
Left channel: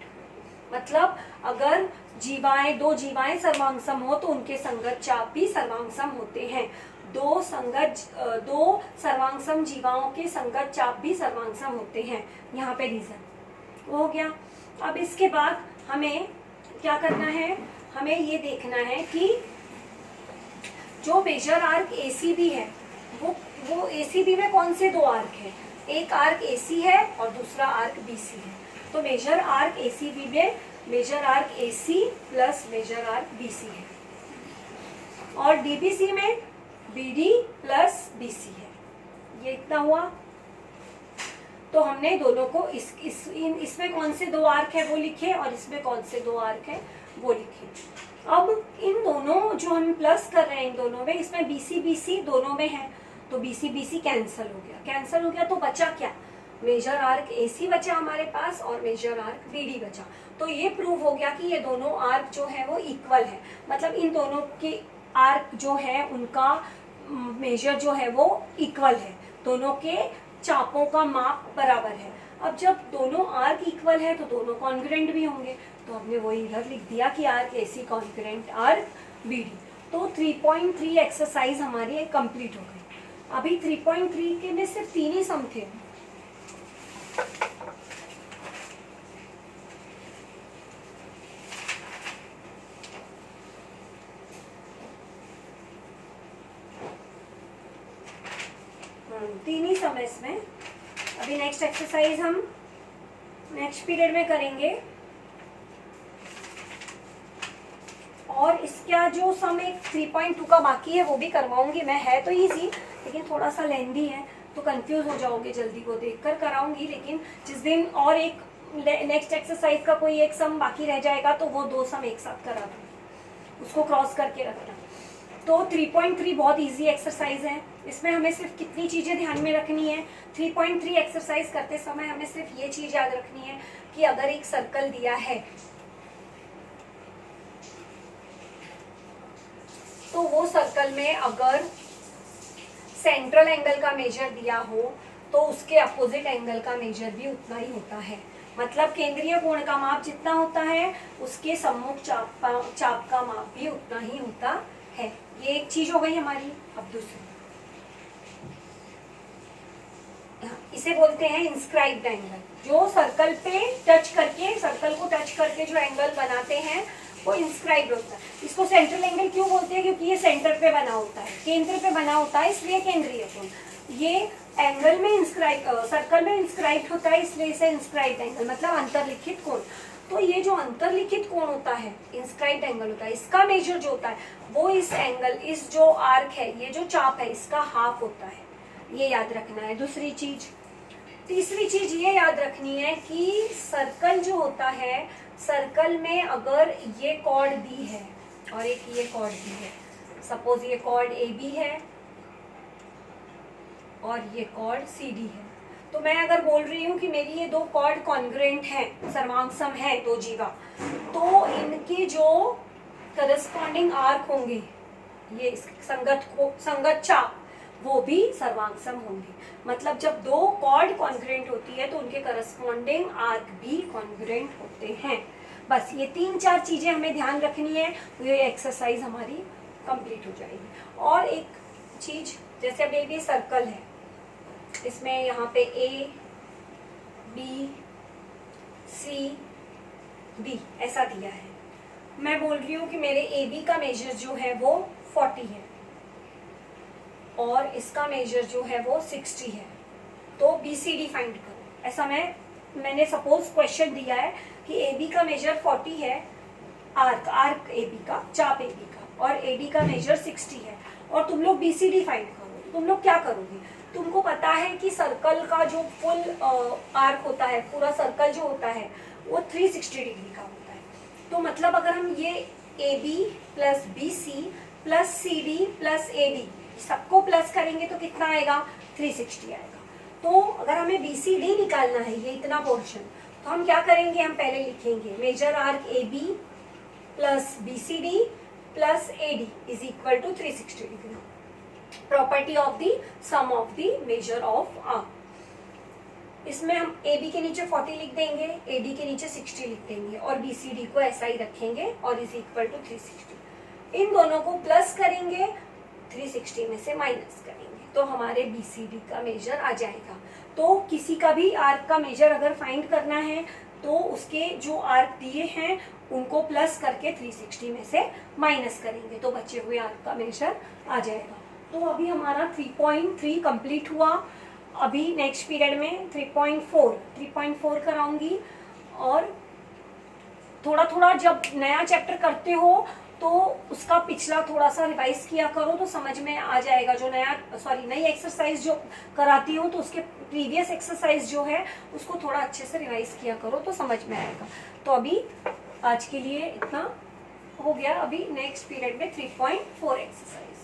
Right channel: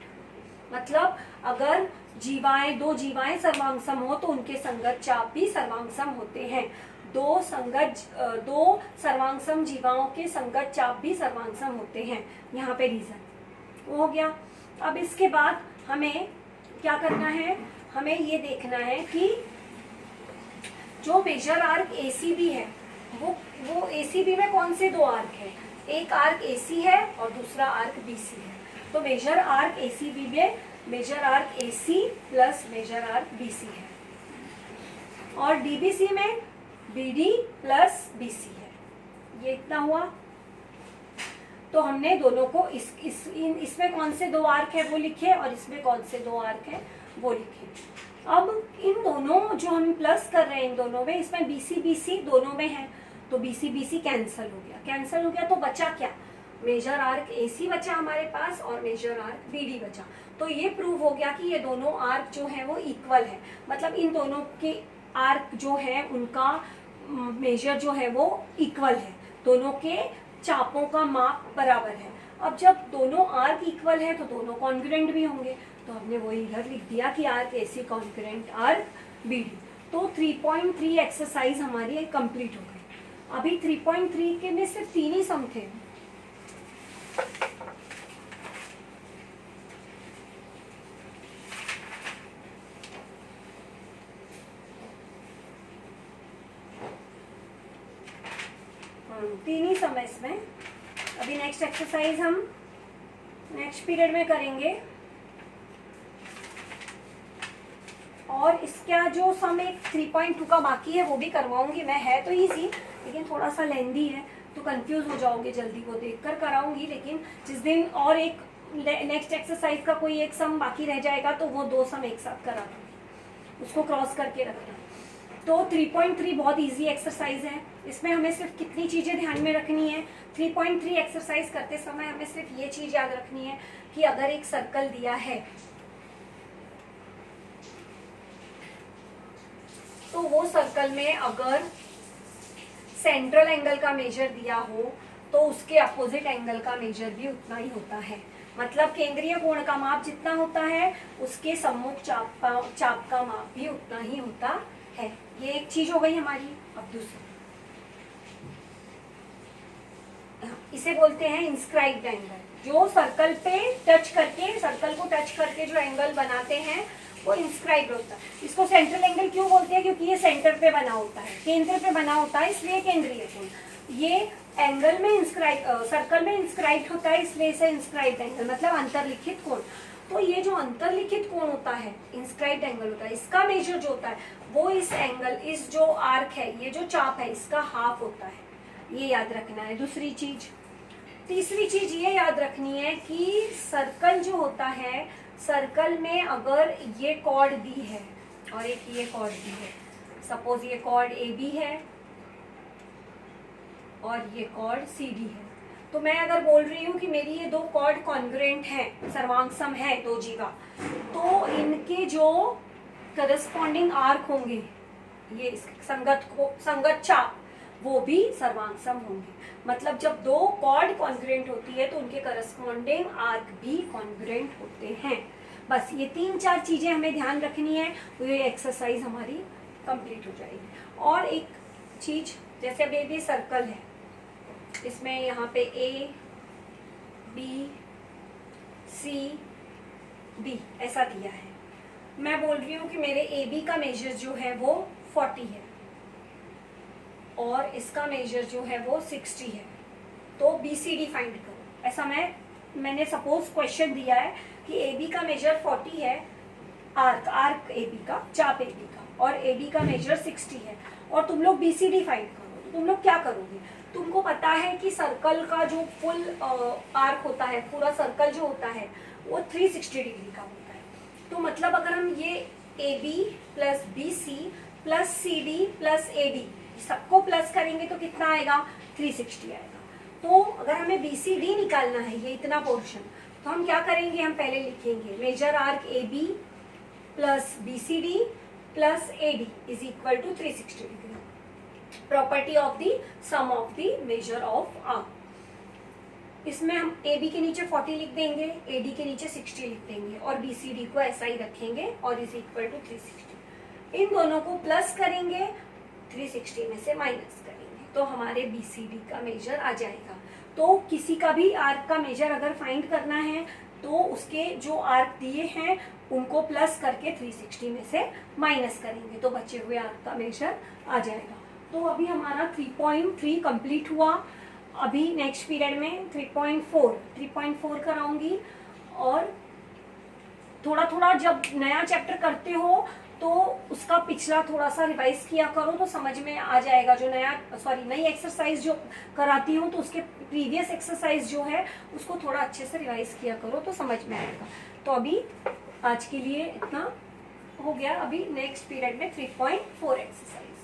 मतलब अगर जीवाएं, दो जीवाएं सर्वांगसम हो तो उनके संगत चाप भी सर्वांगसम होते हैं। दो सर्वांगसम जीवाओं के संगत चाप भी सर्वांगसम होते हैं। यहाँ पे रीजन हो गया। अब इसके बाद हमें क्या करना है? हमें ये देखना है कि जो मेजर आर्क एसीबी है वो एसीबी में कौन से दो आर्क है? एक आर्क एसी है और दूसरा आर्क बीसी है। तो मेजर आर्क एसीबी में measure arc AC plus measure arc BC है, और डीबीसी में बीडी प्लस बीसी है। ये इतना हुआ। तो हमने दोनों को इसमें कौन से दो आर्क है वो लिखे और इसमें कौन से दो आर्क है वो लिखे। अब इन दोनों जो हम प्लस कर रहे हैं इन दोनों में, इसमें बीसी बीसी दोनों में है, तो बीसी बीसी कैंसल हो गया। कैंसल हो गया तो बचा क्या? मेजर आर्क एसी बचा हमारे पास और मेजर आर्क बीडी बचा। तो ये प्रूव हो गया कि ये दोनों आर्क जो है वो इक्वल है, मतलब इन दोनों के आर्क जो है उनका मेजर जो है वो इक्वल है, दोनों के चापों का माप बराबर है। अब जब दोनों आर्क इक्वल है तो दोनों कॉन्ग्रुएंट भी होंगे, तो हमने वही इधर लिख दिया कि arc AC congruent arc BD. तो 3.3 एक्सरसाइज हमारी कंप्लीट हो गई। अभी 3.3 के में सिर्फ 3 ही सम थे। तीन ही सम है इसमें। अभी नेक्स्ट एक्सरसाइज हम नेक्स्ट पीरियड में करेंगे। और इसका जो सम एक 3.2 का बाकी है वो भी करवाऊंगी मैं। है तो इजी लेकिन थोड़ा सा लेंदी है तो कंफ्यूज हो जाओगे जल्दी, वो देखकर कराऊंगी। लेकिन जिस दिन और एक नेक्स्ट एक्सरसाइज का कोई एक सम बाकी रह जाएगा तो वो 2 सम एक साथ करा दूंगी, उसको क्रॉस करके रखना। तो 3.3 बहुत इजी एक्सरसाइज है। इसमें हमें सिर्फ कितनी चीजें ध्यान में रखनी है, 3.3 एक्सरसाइज करते समय हमें सिर्फ ये चीज याद रखनी है कि अगर एक सर्कल दिया है तो वो सर्कल में अगर सेंट्रल एंगल का मेजर दिया हो तो उसके अपोजिट एंगल का मेजर भी उतना ही होता है। मतलब केंद्रीय कोण का माप जितना होता है उसके सम्मुख चाप का माप भी उतना ही होता है। ये एक चीज हो गई हमारी। अब दूसरी, इसे बोलते हैं इंस्क्राइब्ड एंगल। जो सर्कल पे टच करके, सर्कल को टच करके जो एंगल बनाते हैं वो इंस्क्राइब्ड होता है। इसको सेंट्रल एंगल क्यों बोलते हैं? क्योंकि ये सेंटर पे बना होता है, केंद्र पे बना होता है, इसलिए केंद्रीय कोण। ये एंगल में सर्कल में इंस्क्राइब्ड होता है, इसलिए इसे इंस्क्राइब्ड एंगल मतलब अंतर्लिखित कोण। तो ये जो अंतर्लिखित कोण होता है, इंस्क्राइब्ड एंगल होता है, इसका मेजर जो होता है वो इस एंगल, इस जो आर्क है, ये जो चाप है, इसका हाफ होता है। ये याद रखना है। दूसरी चीज, तीसरी चीज ये याद रखनी है कि सर्कल जो होता है, सर्कल में अगर ये कॉर्ड दी है और एक ये कॉर्ड दी है, सपोज ये कॉर्ड ए बी है और ये कॉर्ड सी डी है, तो मैं अगर बोल रही हूँ कि मेरी ये 2 कॉर्ड कॉन्ग्रुएंट हैं, सर्वांगसम है, 2 जीवा, तो इनके जो करस्पॉन्डिंग आर्क होंगे, ये संगत चाप, वो भी सर्वांगसम होंगे। मतलब जब 2 कॉर्ड कॉन्ग्रुएंट होती है तो उनके करस्पॉन्डिंग आर्क भी कॉन्ग्रुएंट होते हैं। बस ये 3-4 चीजें हमें ध्यान रखनी है, तो ये एक्सरसाइज हमारी कंप्लीट हो जाएगी। और एक चीज, जैसे अब ये सर्कल है, इसमें यहाँ पे ए बी सी डी ऐसा दिया है। मैं बोल रही हूँ कि मेरे ए बी का मेजर जो है वो 40 है और इसका मेजर जो है वो 60 है, तो बी सी डी फाइंड करो। ऐसा मैंने सपोज क्वेश्चन दिया है कि ए बी का मेजर 40 है, आर्क ए बी का, चाप ए बी का, और ए बी का मेजर 60 है, और तुम लोग बी सी डी फाइंड करो। तो तुम लोग क्या करोगे? तुमको पता है कि सर्कल का जो फुल आर्क होता है, पूरा सर्कल जो होता है वो 360 डिग्री का होता है। तो मतलब अगर हम ये A B plus B C plus C D plus A D सबको प्लस करेंगे तो कितना आएगा? 360 आएगा। तो अगर हमें बी सी डी निकालना है, ये इतना पोर्शन, तो हम क्या करेंगे? हम पहले लिखेंगे measure arc A B plus B C D plus A D is equal to 360 degree. Property of the sum of the measure of arc. इसमें हम ए बी के नीचे 40 लिख देंगे, ए डी के नीचे 60 लिख देंगे और बी सी डी को ऐसा ही रखेंगे और इज इक्वल टू 360। इन दोनों को प्लस करेंगे, 360 में से माइनस करेंगे, तो हमारे बी सी डी का मेजर आ जाएगा। तो किसी का भी आर्क का मेजर अगर फाइंड करना है तो उसके जो आर्क दिए हैं उनको प्लस करके 360 में से माइनस करेंगे, तो बचे हुए आर्क का मेजर आ जाएगा। तो अभी हमारा 3.3 कंप्लीट हुआ। अभी नेक्स्ट पीरियड में 3.4 कराऊंगी। और थोड़ा थोड़ा जब नया चैप्टर करते हो तो उसका पिछला थोड़ा सा रिवाइज किया करो तो समझ में आ जाएगा। जो नई एक्सरसाइज जो कराती हूँ तो उसके प्रीवियस एक्सरसाइज जो है उसको थोड़ा अच्छे से रिवाइज किया करो तो समझ में आएगा। तो अभी आज के लिए इतना हो गया। अभी नेक्स्ट पीरियड में 3.4 एक्सरसाइज।